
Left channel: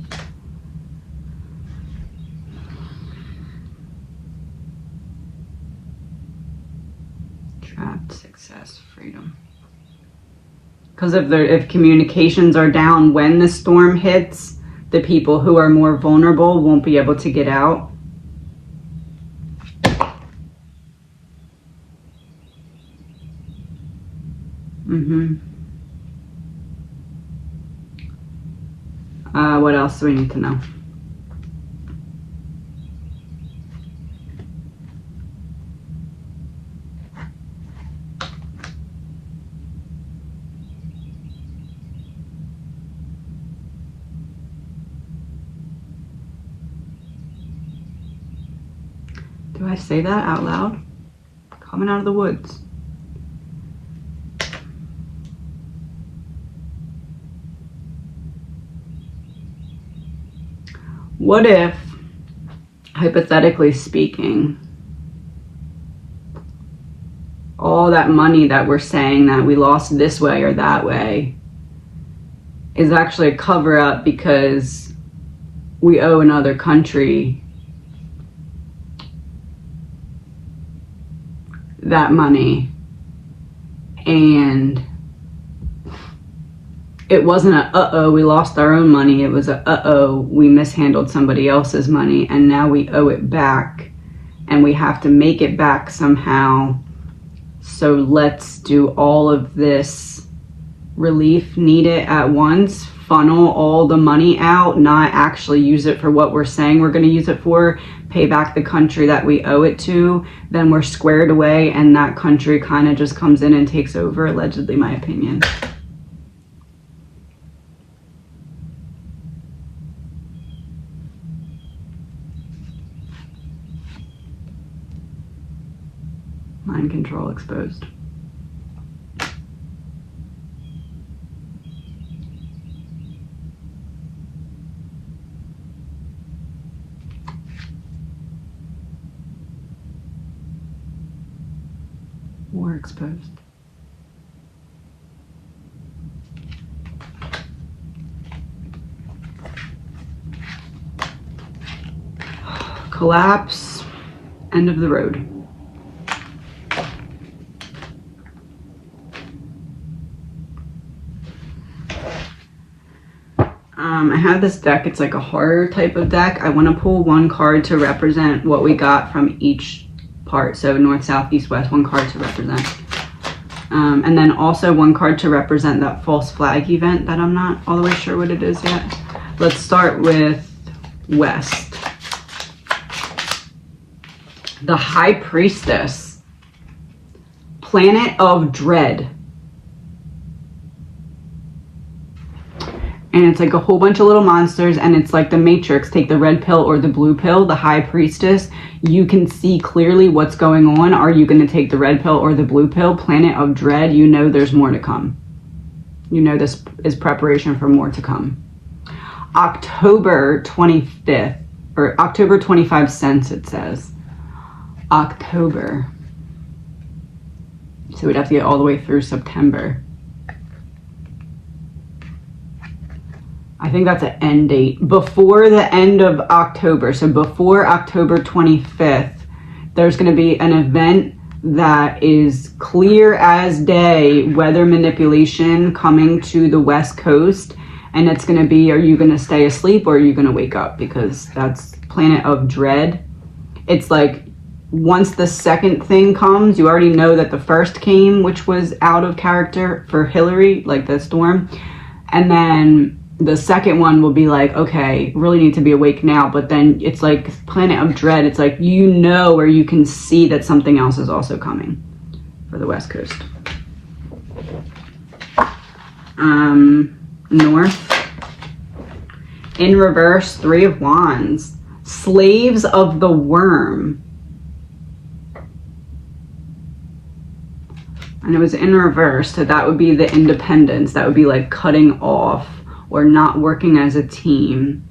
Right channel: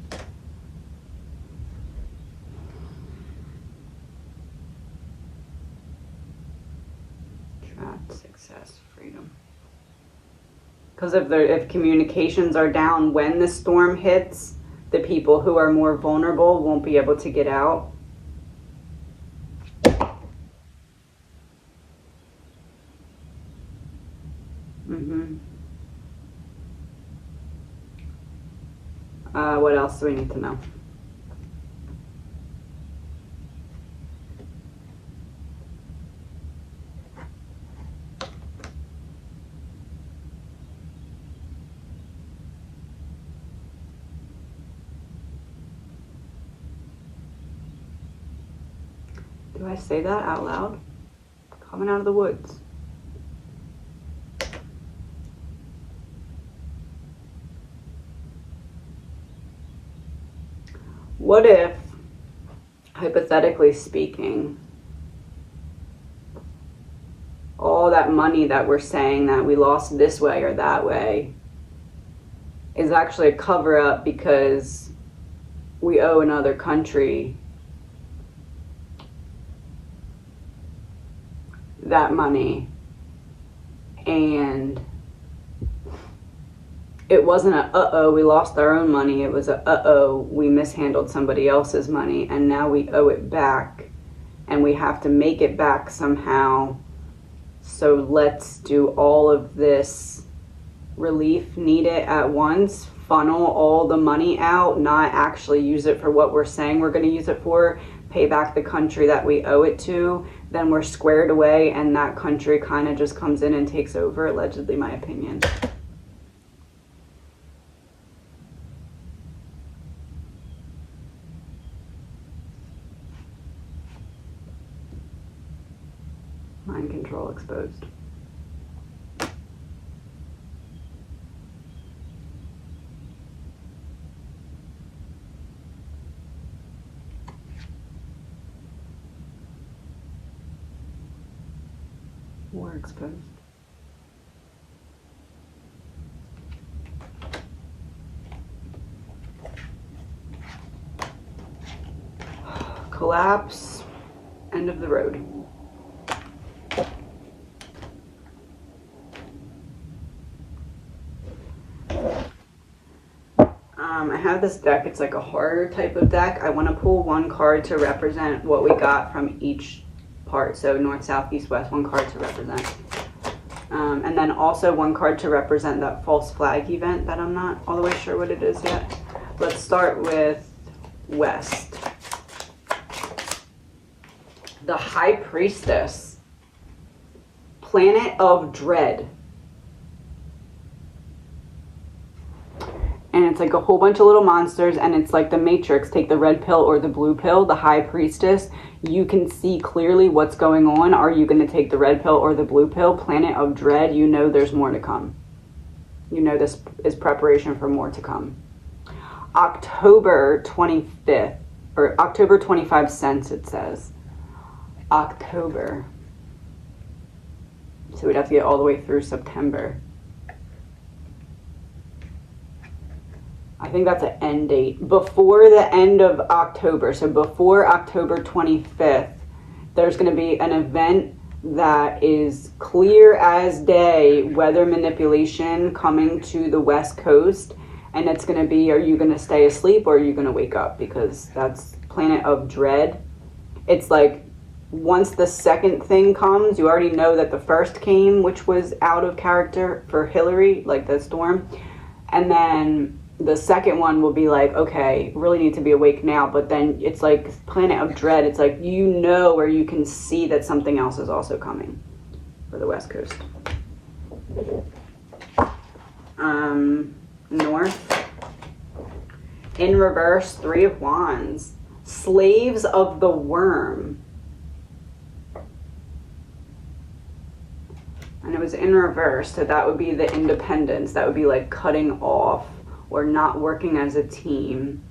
Trapped, success, freedom. Because if communications are down when the storm hits, the people who are more vulnerable won't be able to get out. What else do we need to know? Do I say that out loud? Coming out of the woods. What if, hypothetically speaking, all that money that we're saying that we lost this way or that way is actually a cover-up because we owe another country that money, and it wasn't a uh-oh we lost our own money, it was a uh-oh we mishandled somebody else's money and now we owe it back and we have to make it back somehow. So let's do all of this relief needed at once, funnel all the money out, not actually use it for what we're saying we're going to use it for, pay back the country that we owe it to, then we're squared away and that country kind of just comes in and takes over, allegedly, my opinion. Mind control exposed. War exposed. Collapse, end of the road. I have this deck, it's like a horror type of deck. I want to pull one card to represent what we got from each part. So north, south, east, west, one card to represent. And then also one card to represent that false flag event that I'm not all the way sure what it is yet. Let's start with west. The High Priestess. Planet of Dread. And it's like a whole bunch of little monsters, and it's like the Matrix. Take the red pill or the blue pill. The High Priestess, you can see clearly what's going on. Are you going to take the red pill or the blue pill? Planet of Dread, you know there's more to come. You know this is preparation for more to come. October 25th, or October 25 cents, it says. October. So we'd have to get all the way through September. I think that's an end date. Before the end of October, so before October 25th, there's going to be an event that is clear as day, weather manipulation coming to the West Coast. And it's going to be, are you going to stay asleep or are you going to wake up? Because that's Planet of Dread. It's like once the second thing comes, you already know that the first came, which was out of character for Hillary, like the storm. And then the second one will be like, okay, really need to be awake now. But then it's like Planet of Dread. It's like, you know, where you can see that something else is also coming for the West Coast. North. In reverse, Three of Wands. Slaves of the Worm. And it was in reverse, so that would be the independence. That would be like cutting off or not working as a team.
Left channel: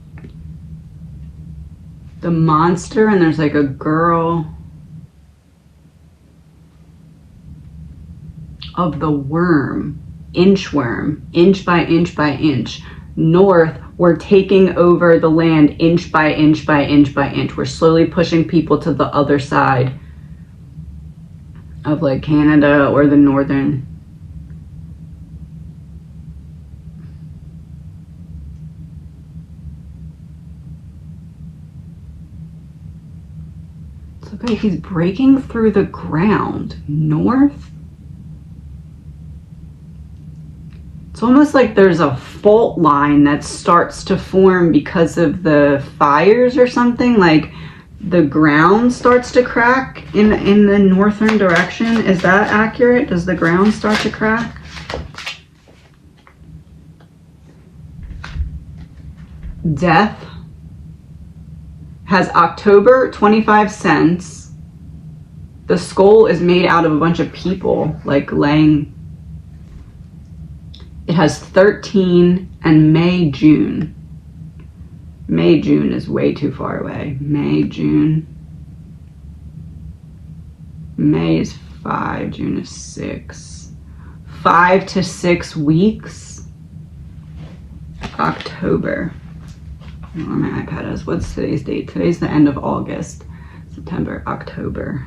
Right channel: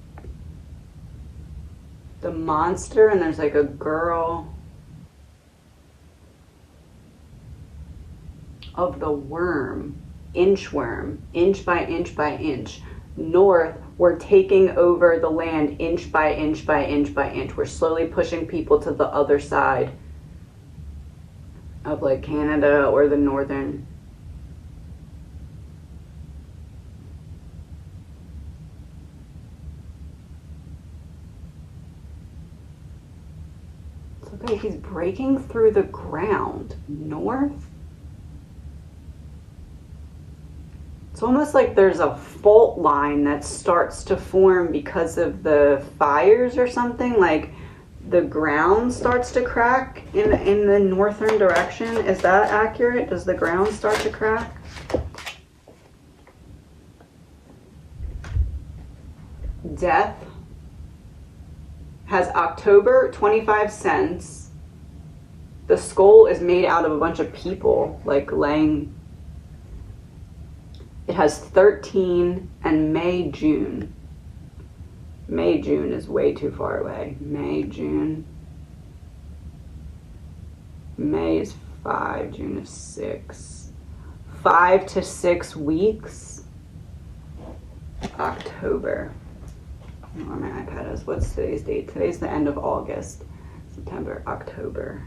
The Monster, and there's like a girl. Of the Worm. Inchworm. Inch by inch by inch. North, we're taking over the land inch by inch by inch by inch. We're slowly pushing people to the other side of like Canada or the northern. It's okay, he's breaking through the ground. North? It's almost like there's a fault line that starts to form because of the fires or something. Like the ground starts to crack in the northern direction. Is that accurate? Does the ground start to crack? Death has October 25 cents. The skull is made out of a bunch of people like laying. It has 13 and May, June. May, June is way too far away. May, June. May is 5, June is 6. 5 to 6 weeks. October. I don't know where my iPad is. What's today's date? Today's the end of August. September, October.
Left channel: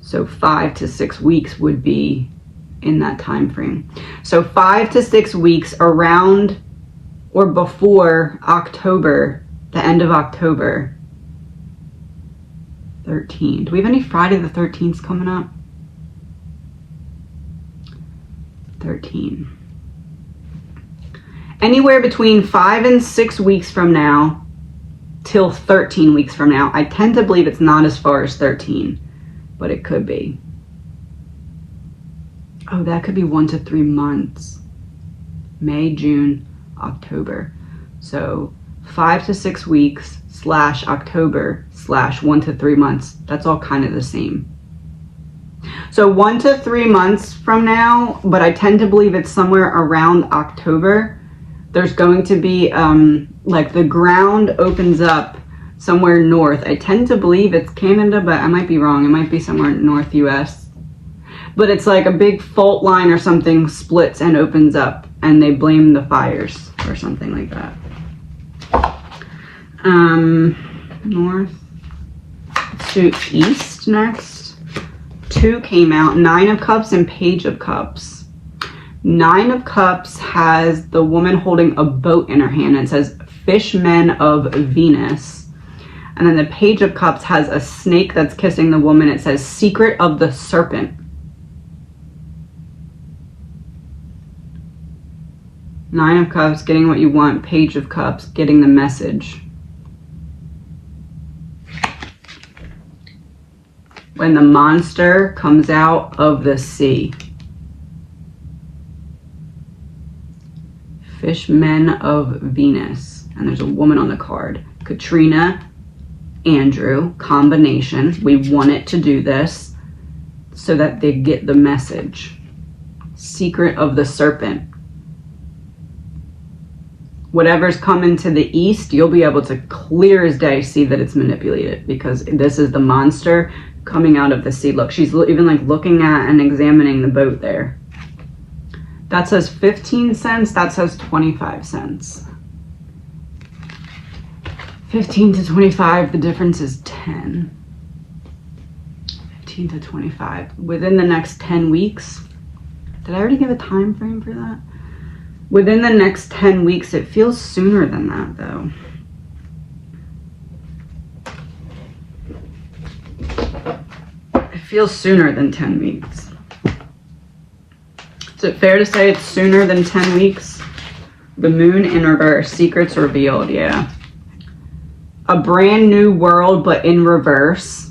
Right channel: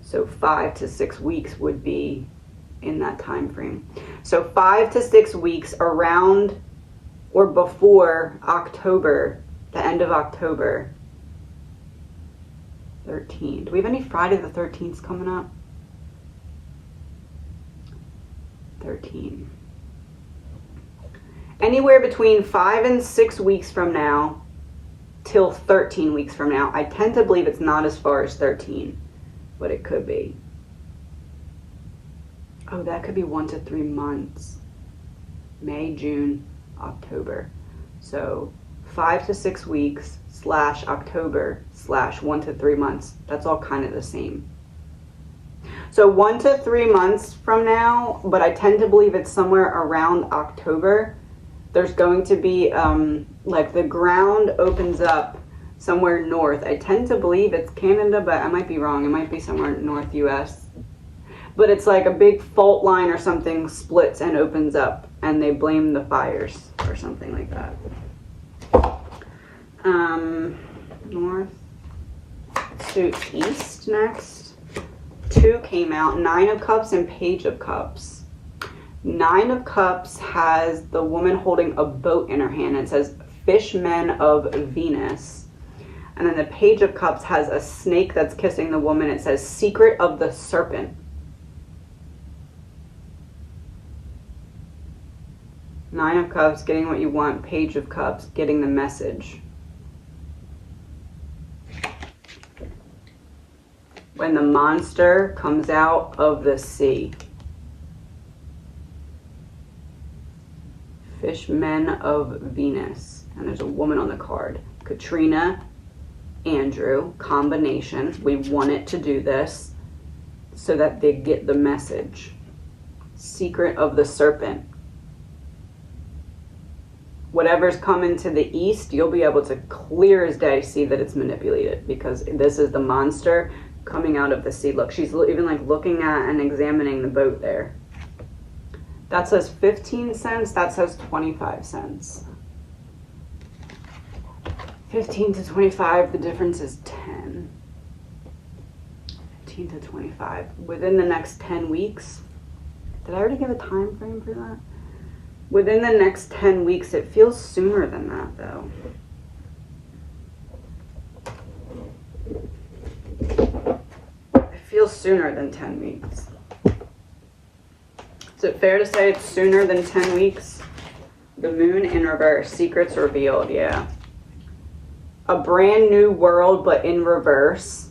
So 5 to 6 weeks would be in that time frame. So 5 to 6 weeks around or before October, the end of October. 13. Do we have any Friday the 13th coming up? 13. Anywhere between 5 and 6 weeks from now till 13 weeks from now. I tend to believe it's not as far as 13, but it could be. Oh, that could be 1 to 3 months. May, June, October. So 5 to 6 weeks / October / 1 to 3 months. That's all kind of the same. So 1 to 3 months from now, but I tend to believe it's somewhere around October. There's going to be like the ground opens up somewhere north. I tend to believe it's Canada, but I might be wrong. It might be somewhere north US. But it's like a big fault line or something splits and opens up, and they blame the fires or something like that. North. Let's do east next. 2 came out, 9 of Cups and Page of Cups. 9 of Cups has the woman holding a boat in her hand. It says Fishmen of Venus. And then the Page of Cups has a snake that's kissing the woman. It says Secret of the Serpent. Nine of Cups, getting what you want. Page of Cups, getting the message. When the monster comes out of the sea. Fishmen of Venus. And there's a woman on the card. Katrina, Andrew, combination. We want it to do this so that they get the message. Secret of the Serpent. Whatever's coming to the east, you'll be able to clear as day see that it's manipulated, because this is the monster coming out of the sea. Look, she's even like looking at and examining the boat there. That says 15 cents. That says 25 cents. 15 to 25, the difference is 10. 15 to 25. Within the next 10 weeks. Did I already give a time frame for that? Within the next 10 weeks, it feels sooner than that though. feels sooner than 10 weeks. Is it fair to say it's sooner than 10 weeks? The moon in reverse, secrets revealed, yeah. A brand new world, but in reverse.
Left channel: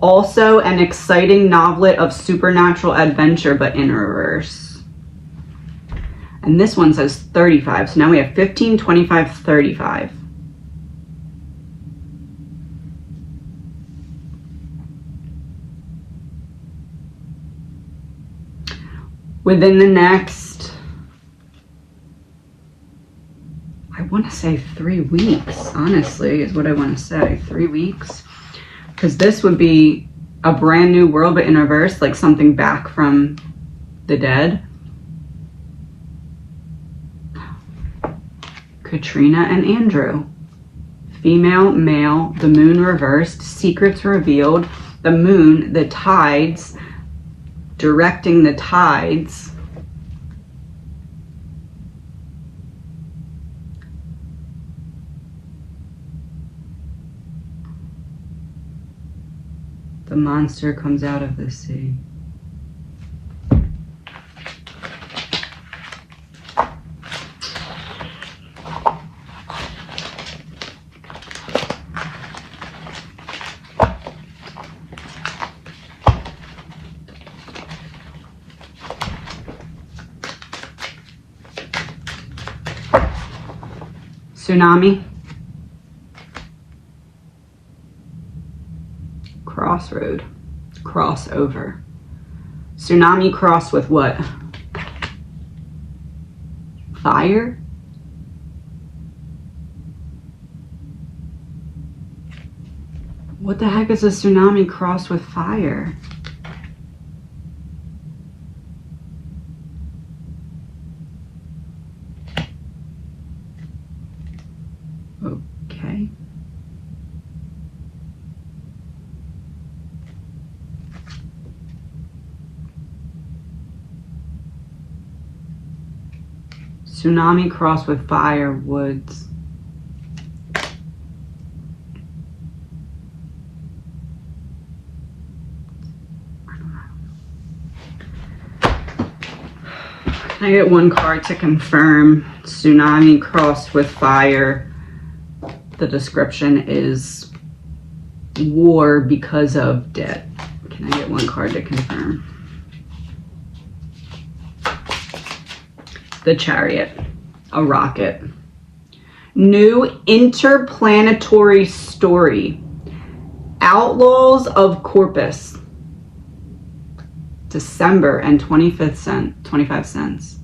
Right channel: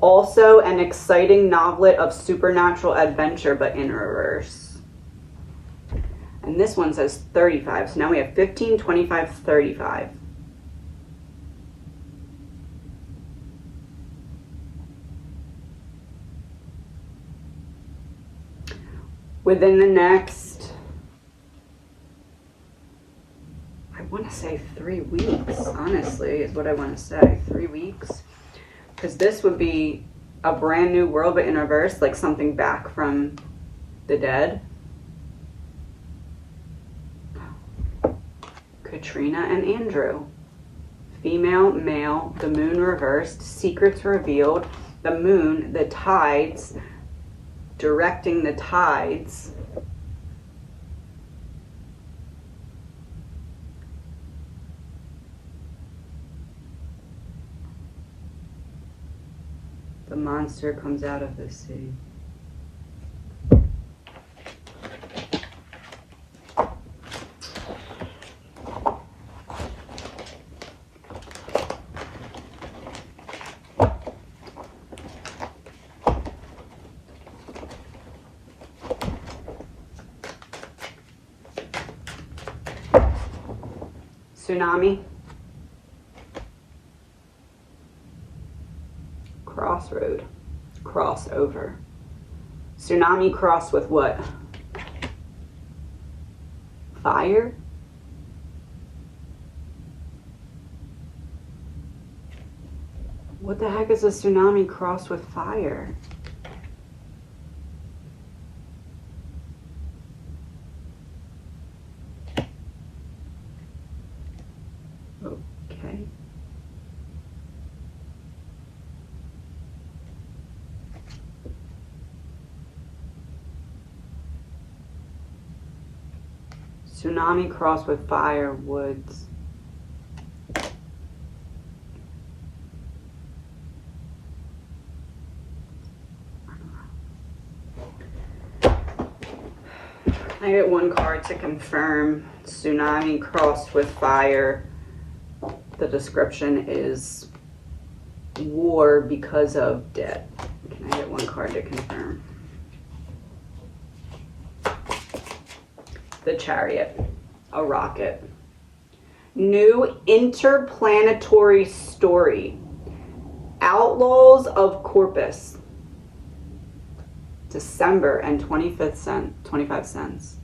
Also an exciting novelet of supernatural adventure, but in reverse. And this one says 35. So now we have 15, 25, 35. Within the next, I want to say 3 weeks, honestly, is what I want to say. 3 weeks. Because this would be a brand new world, but in reverse, like something back from the dead. Katrina and Andrew. Female, male, the moon reversed, secrets revealed, the moon, the tides, directing the tides. The monster comes out of the sea. Tsunami. Crossroad. Crossover. Tsunami cross with what? Fire? What the heck is a tsunami cross with fire? Okay. Tsunami cross with fire, woods. Can I get one card to confirm? Tsunami crossed with fire. The description is war because of debt. Can I get one card to confirm? The Chariot, a rocket. New interplanetary story. Outlaws of Corpus. December and 25 cents.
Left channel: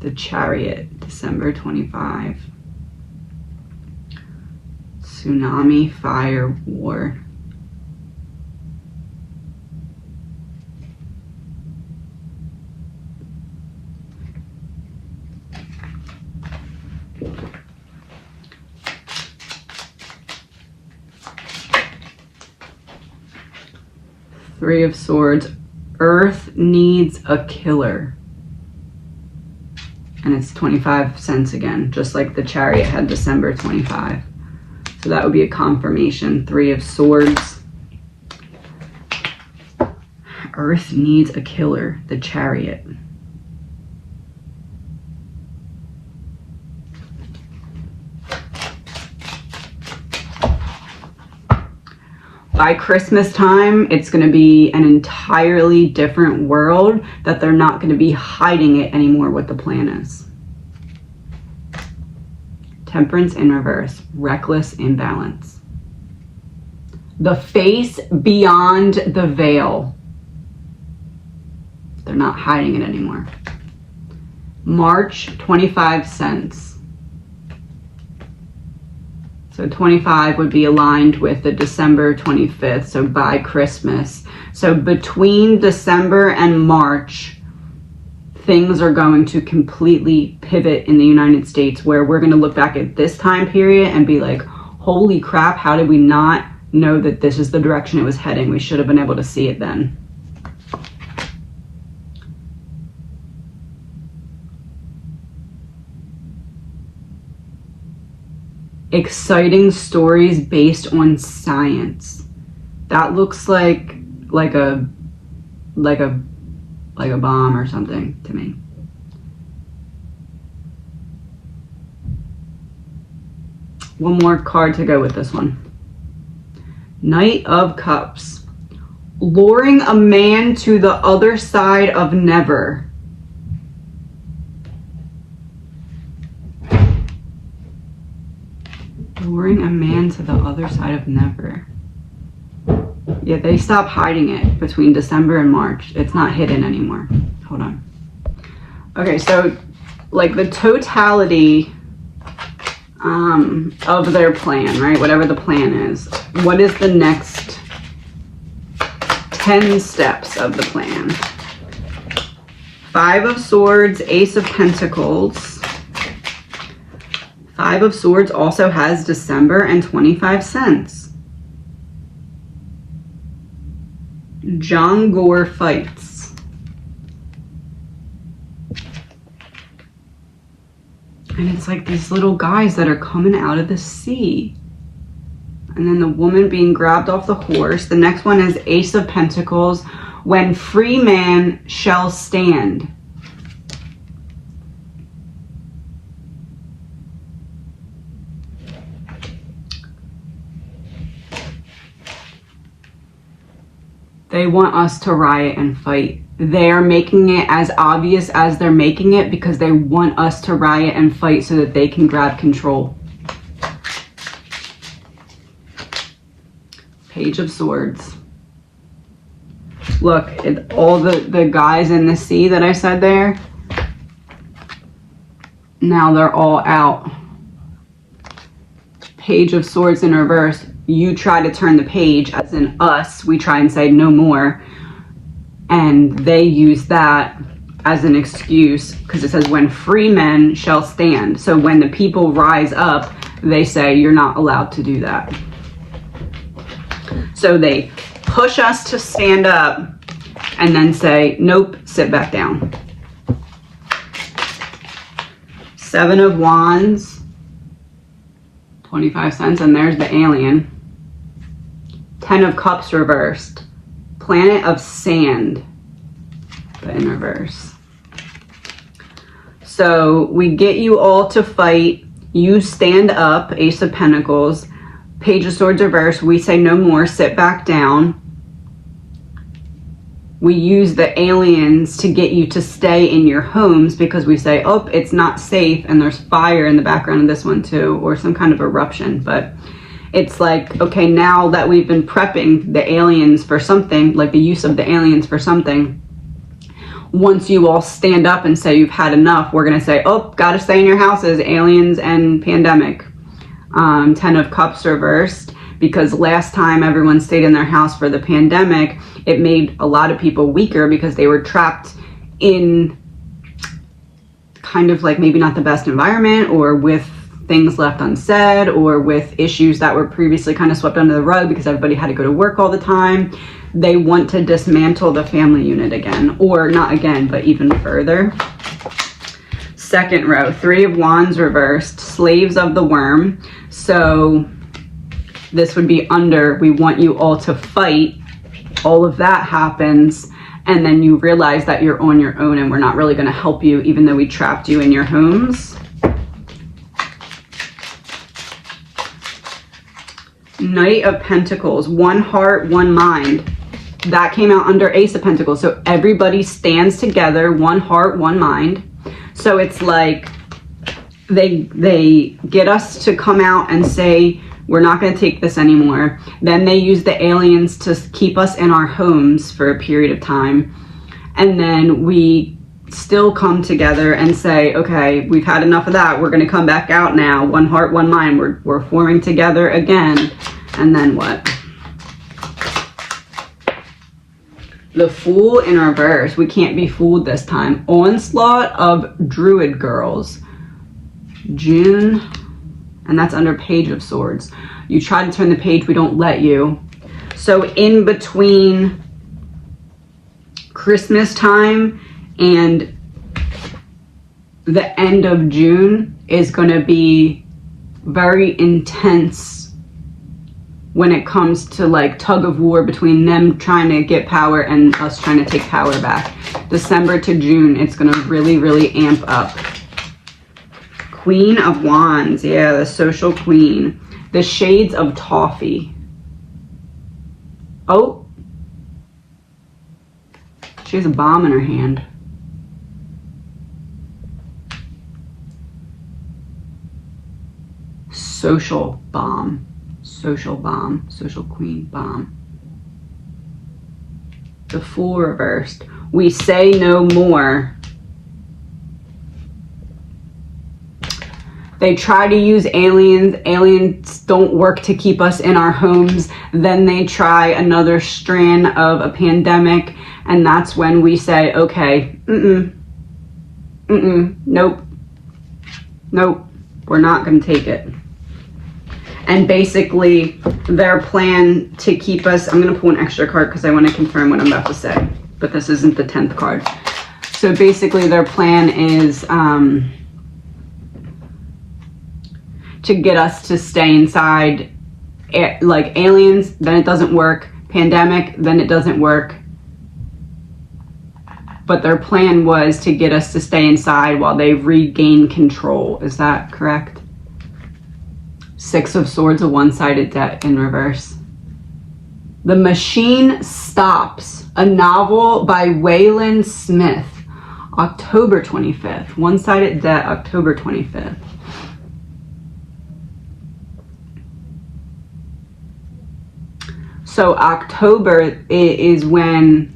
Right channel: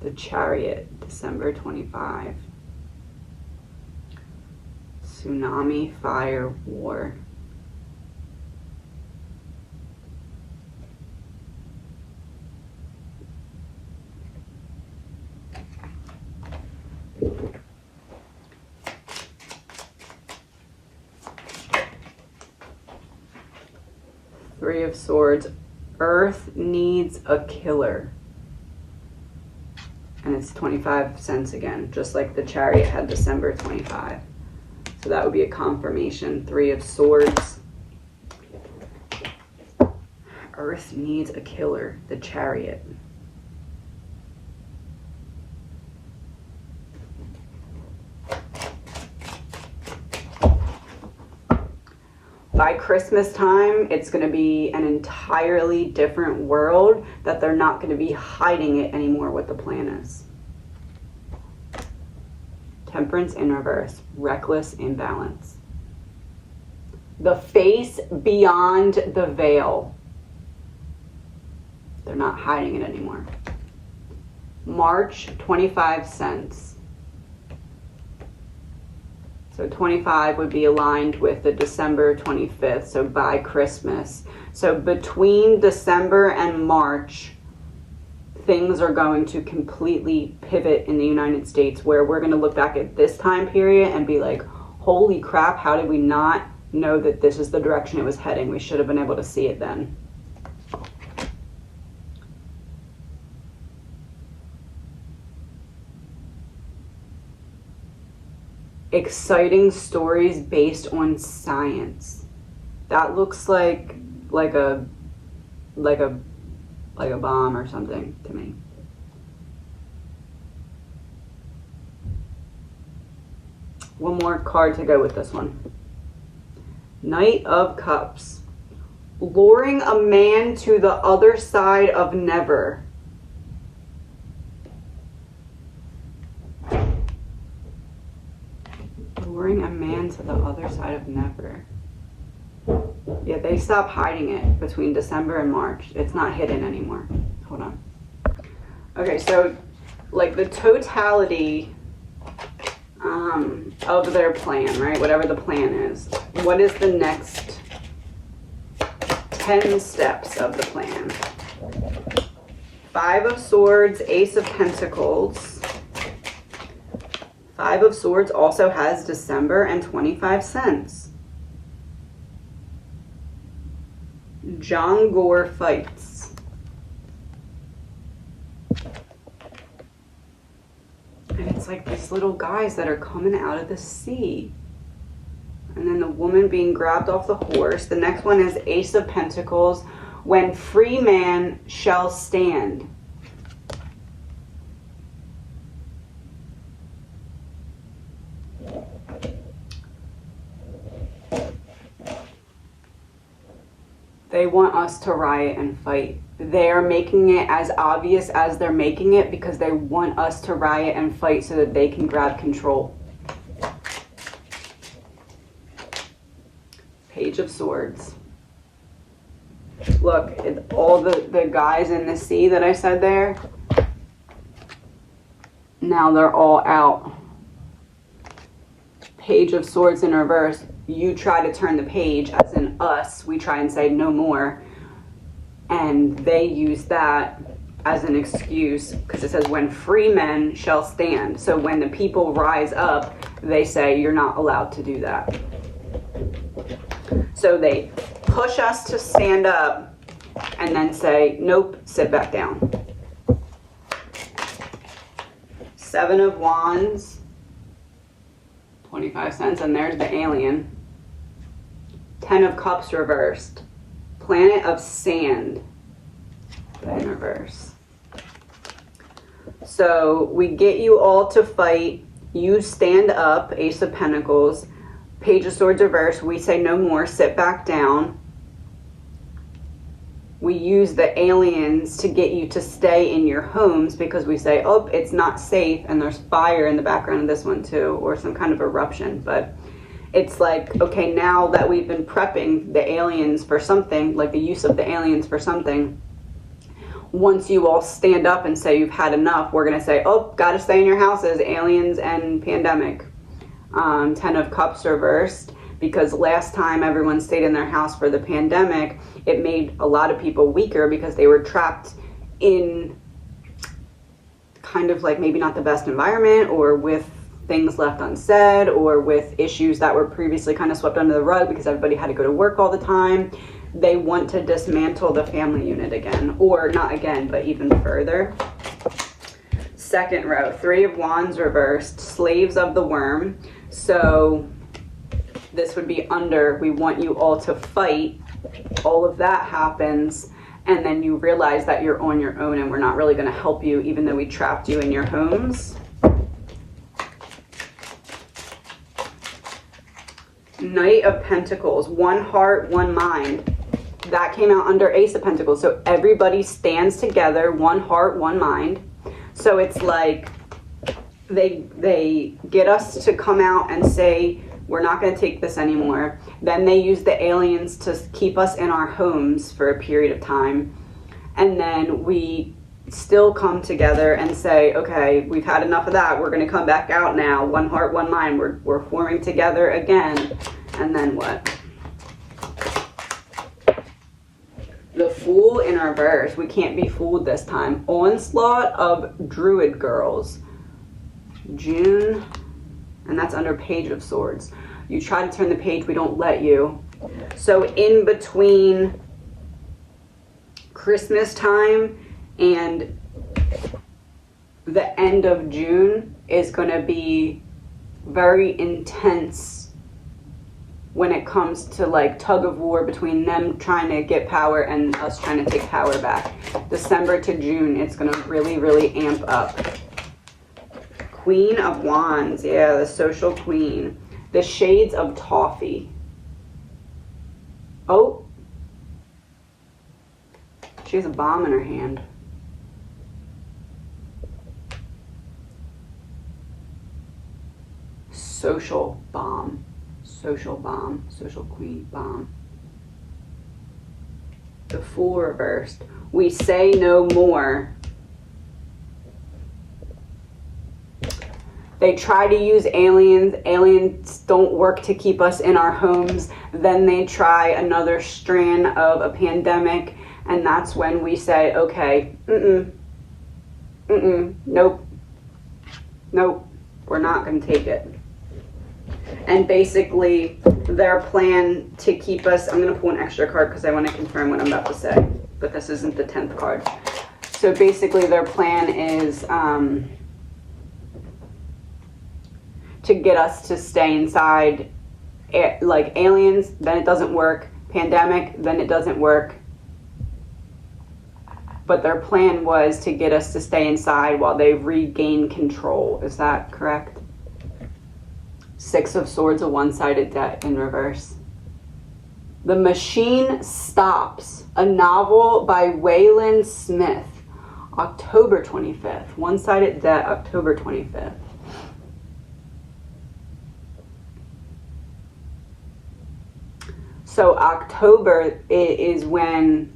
The Chariot, December 25. Tsunami, fire, war. Three of Swords. Earth needs a killer. And it's 25 cents again, just like the Chariot had December 25. So that would be a confirmation. Three of Swords. Earth needs a killer. The Chariot. By Christmas time, it's going to be an entirely different world that they're not going to be hiding it anymore what the plan is. Temperance in reverse. Reckless imbalance. The face beyond the veil. They're not hiding it anymore. March, 25 cents. So 25 would be aligned with the December 25th, so by Christmas. So between December and March, things are going to completely pivot in the United States, where we're going to look back at this time period and be like, holy crap, how did we not know that this is the direction it was heading? We should have been able to see it then. Exciting stories based on science. That looks like like a bomb or something to me. One more card to go with this one. Knight of Cups. Luring a man to the other side of never. Luring a man to the other side of never. Yeah, they stopped hiding it between December and March. It's not hidden anymore. Hold on. Okay, so like the totality of their plan, right? Whatever the plan is. What is the next 10 steps of the plan? 5 of Swords, Ace of Pentacles. 5 of Swords also has December and 25 cents. John Gore fights. And it's like these little guys that are coming out of the sea. And then the woman being grabbed off the horse. The next one is Ace of Pentacles. When free man shall stand. They want us to riot and fight. They are making it as obvious as they're making it because they want us to riot and fight so that they can grab control. Page of Swords. Look, all the guys in the sea that I said there, now they're all out. Page of Swords in reverse. You try to turn the page, as in us, we try and say no more. And they use that as an excuse because it says when free men shall stand. So when the people rise up, they say you're not allowed to do that. So they push us to stand up and then say, nope, sit back down. 7 of Wands, 25 cents, and there's the alien. 10 of Cups reversed. Planet of Sand, but in reverse. So we get you all to fight. You stand up, Ace of Pentacles. Page of Swords reverse. We say no more, sit back down. We use the aliens to get you to stay in your homes because we say, oh, it's not safe, and there's fire in the background of this one too, or some kind of eruption. But it's like, okay, now that we've been prepping the aliens for something, like the use of the aliens for something, once you all stand up and say you've had enough, we're going to say, oh, got to stay in your houses, aliens and pandemic. 10 of Cups reversed, because last time everyone stayed in their house for the pandemic, it made a lot of people weaker because they were trapped in kind of like maybe not the best environment, or with things left unsaid, or with issues that were previously kind of swept under the rug because everybody had to go to work all the time. They want to dismantle the family unit again, or not again, but even further. Second row, 3 of Wands reversed, Slaves of the Worm. So this would be under, we want you all to fight. All of that happens, and then you realize that you're on your own and we're not really going to help you, even though we trapped you in your homes. Knight of Pentacles, 1 heart, 1 mind. That came out under Ace of Pentacles. So everybody stands together, 1 heart, 1 mind. So it's like they get us to come out and say, we're not going to take this anymore. Then they use the aliens to keep us in our homes for a period of time. And then we still come together and say, okay, we've had enough of that. We're going to come back out now. 1 heart, 1 mind. We're forming together again. And then what? The Fool in reverse. We can't be fooled this time. Onslaught of Druid Girls. June. And that's under Page of Swords. You try to turn the page, we don't let you. So in between Christmas time and the end of June is going to be very intense when it comes to like tug of war between them trying to get power and us trying to take power back. December to June, it's going to really, really amp up. Queen of Wands, yeah, the social queen. The shades of toffee. Oh, she has a bomb in her hand. Social bomb. Social bomb. Social queen bomb. The Fool reversed. We say no more. They try to use aliens. Aliens don't work to keep us in our homes. Then they try another strand of a pandemic. And that's when we say, okay, nope. Nope, we're not going to take it. And basically, their plan to keep us, I'm going to pull an extra card because I want to confirm what I'm about to say. But this isn't the 10th card. So basically, their plan is to get us to stay inside. Like aliens, then it doesn't work. Pandemic, then it doesn't work. But their plan was to get us to stay inside while they regain control. Is that correct? Six of Swords, a one-sided deck in reverse. The Machine Stops, a novel by Wayland Smith, October 25th. One-sided deck, October 25th. So October is when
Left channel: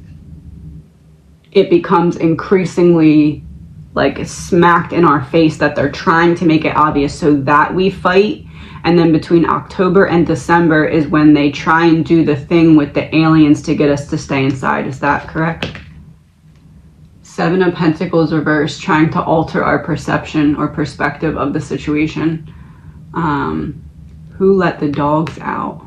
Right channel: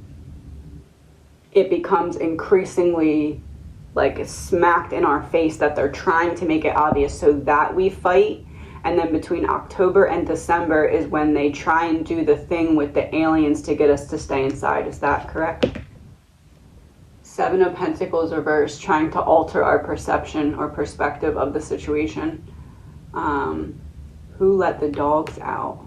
it becomes increasingly like smacked in our face that they're trying to make it obvious so that we fight. And then between October and December is when they try and do the thing with the aliens to get us to stay inside. Is that correct? Seven of Pentacles reversed, trying to alter our perception or perspective of the situation. Who let the dogs out?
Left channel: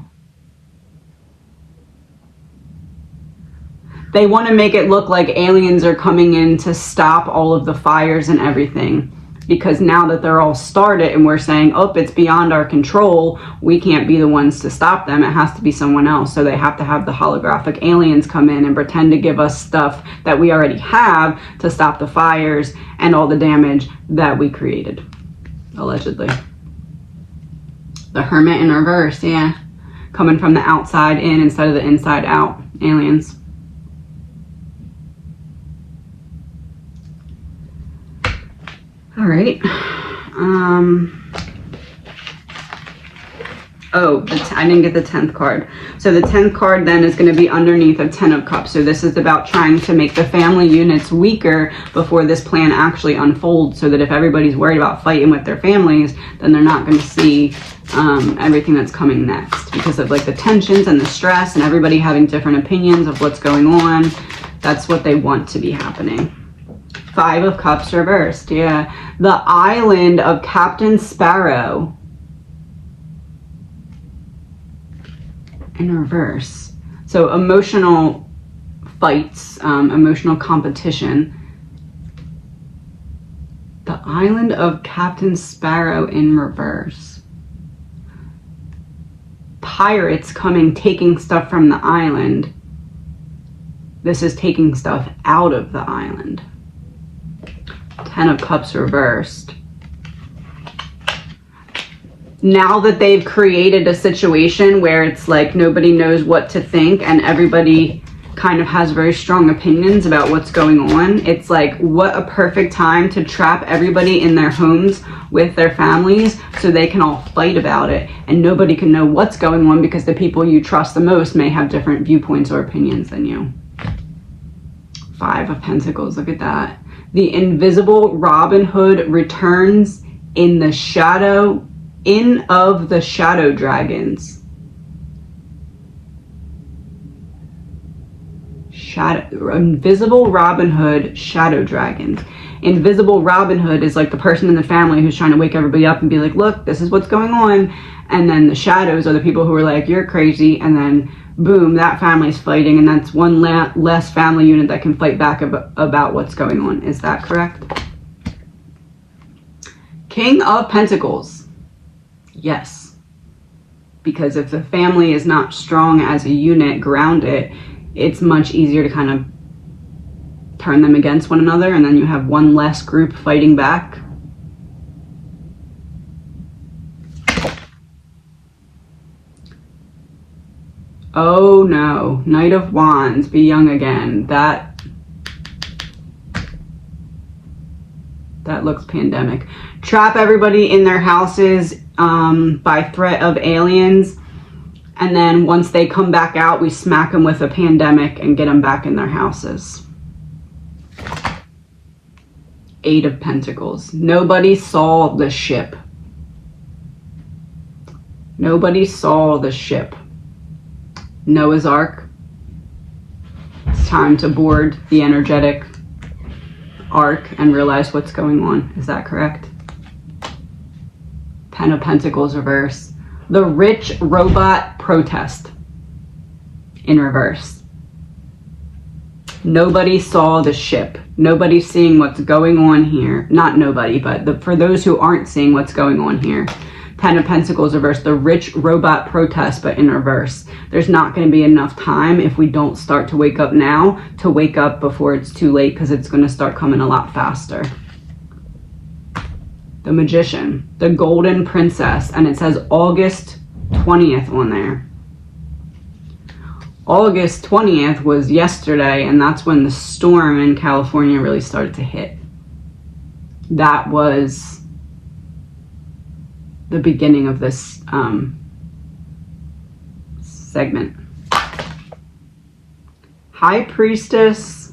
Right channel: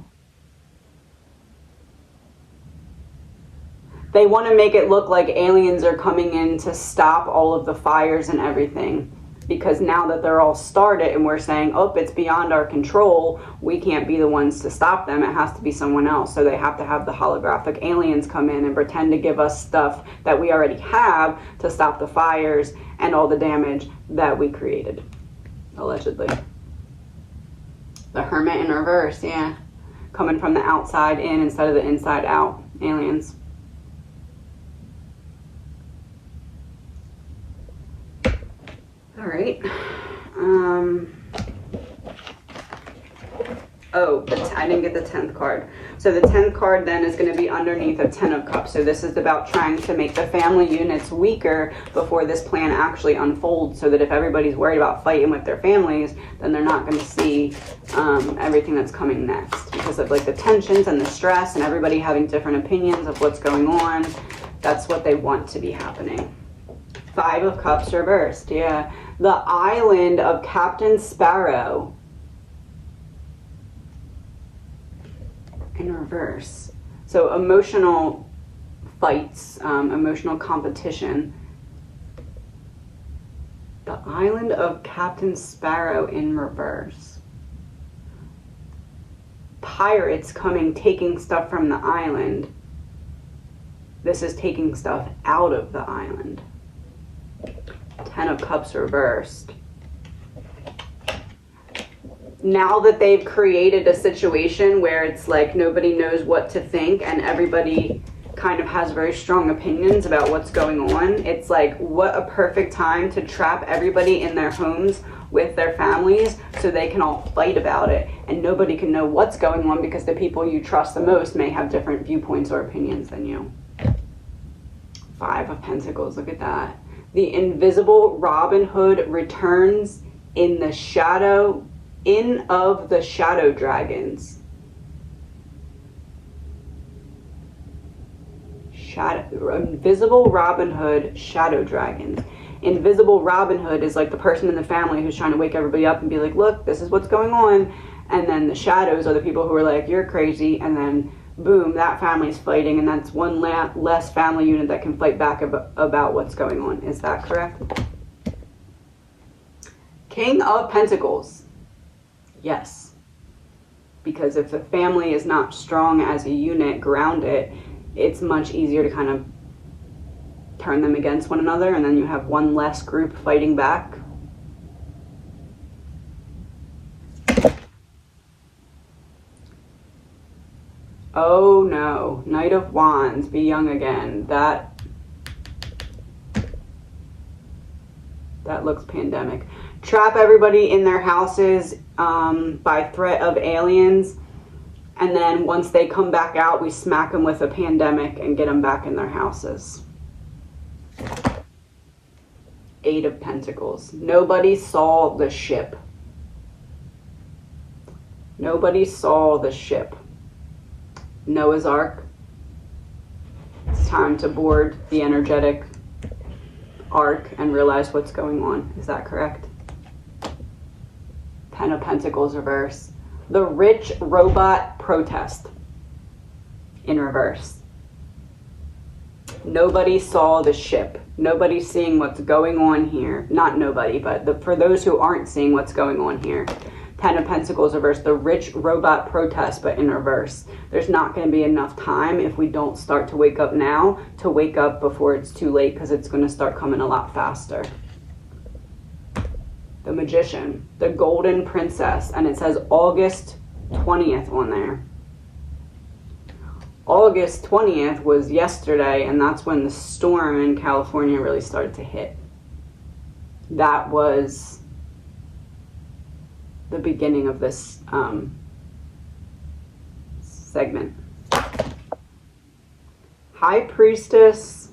They want to make it look like aliens are coming in to stop all of the fires and everything. Because now that they're all started and we're saying, oh, it's beyond our control, we can't be the ones to stop them. It has to be someone else. So they have to have the holographic aliens come in and pretend to give us stuff that we already have to stop the fires and all the damage that we created, allegedly. The Hermit in reverse, yeah. Coming from the outside in instead of the inside out, aliens. All right. Oh, I didn't get the 10th card. So the 10th card then is going to be underneath a 10 of Cups. So this is about trying to make the family units weaker before this plan actually unfolds, so that if everybody's worried about fighting with their families, then they're not going to see everything that's coming next, because of like the tensions and the stress and everybody having different opinions of what's going on. That's what they want to be happening. 5 of Cups reversed, yeah. The Island of Captain Sparrow in reverse. So emotional fights, emotional competition. The Island of Captain Sparrow in reverse. Pirates coming, taking stuff from the island. This is taking stuff out of the island. 10 of Cups reversed. Now that they've created a situation where it's like nobody knows what to think and everybody kind of has very strong opinions about what's going on, it's like, what a perfect time to trap everybody in their homes with their families so they can all fight about it and nobody can know what's going on, because the people you trust the most may have different viewpoints or opinions than you. 5 of Pentacles, look at that. The invisible Robin Hood returns in the shadow, of the shadow dragons. Invisible Robin Hood, shadow dragons. Invisible Robin Hood is like the person in the family who's trying to wake everybody up and be like, look, this is what's going on. And then the shadows are the people who are like, you're crazy. And then boom, that family's fighting, and that's one less family unit that can fight back about what's going on. Is that correct? King of Pentacles. Yes. Because if the family is not strong as a unit, grounded, it's much easier to kind of turn them against one another, and then you have one less group fighting back. Oh no, Knight of Wands, be young again. That looks pandemic. Trap everybody in their houses by threat of aliens, and then once they come back out, we smack them with a pandemic and get them back in their houses. Eight of Pentacles. Nobody saw the ship. Nobody saw the ship. Noah's Ark. It's time to board the energetic ark and realize what's going on. Is that correct? Ten of Pentacles reverse. The rich robot protest in reverse. Nobody saw the ship. Nobody's seeing what's going on here. Not nobody, but for those who aren't seeing what's going on here. Ten of Pentacles reverse, the rich robot protest, but in reverse. There's not going to be enough time if we don't start to wake up now to wake up before it's too late, because it's going to start coming a lot faster. The Magician, the Golden Princess, and it says August 20th on there. August 20th was yesterday, and that's when the storm in California really started to hit. That was the beginning of this segment. High Priestess,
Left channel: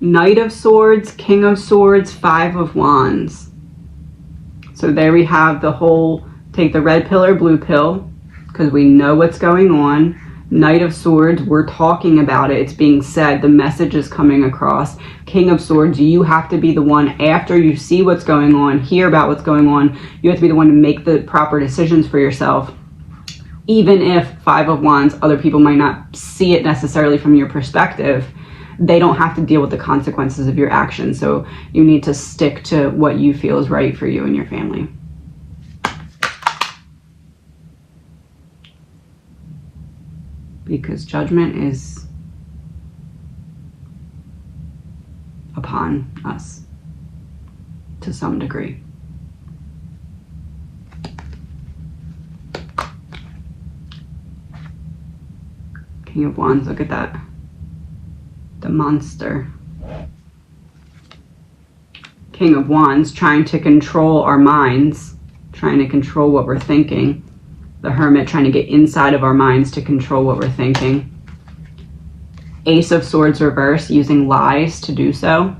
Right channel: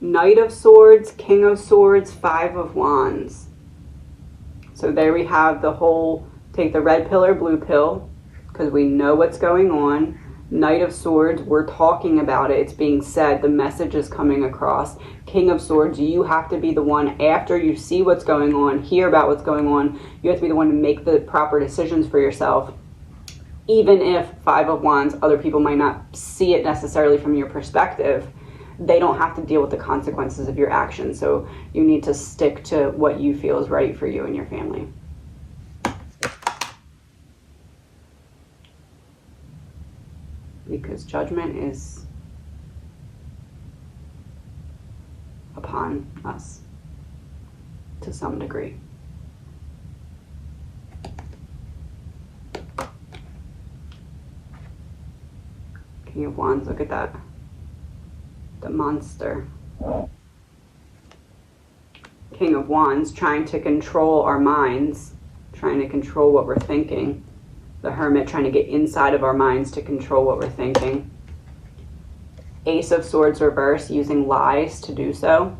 Knight of Swords, King of Swords, Five of Wands. So there we have the whole, take the red pill or blue pill, because we know what's going on. Knight of Swords, we're talking about it. It's being said. The message is coming across. King of Swords, you have to be the one, after you see what's going on, hear about what's going on, you have to be the one to make the proper decisions for yourself. Even if Five of Wands, other people might not see it necessarily from your perspective, they don't have to deal with the consequences of your actions. So you need to stick to what you feel is right for you and your family. Because judgment is upon us to some degree. King of Wands, look at that. The monster. King of Wands, trying to control our minds, trying to control what we're thinking. The Hermit, trying to get inside of our minds to control what we're thinking. Ace of Swords reverse, using lies to do so.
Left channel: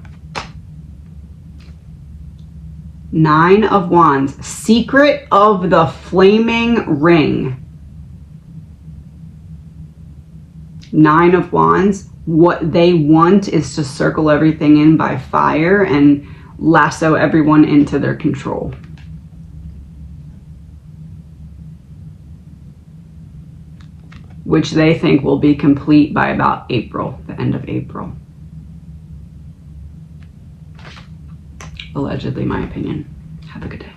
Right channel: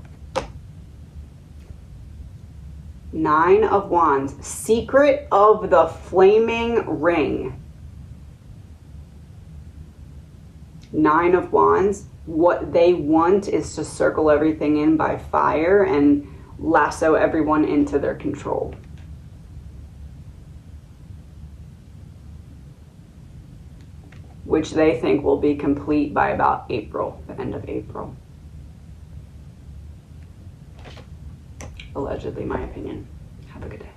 Nine of Wands, secret of the flaming ring. Nine of Wands, what they want is to circle everything in by fire and lasso everyone into their control. Which they think will be complete by about April, the end of April. Allegedly, my opinion. Have a good day.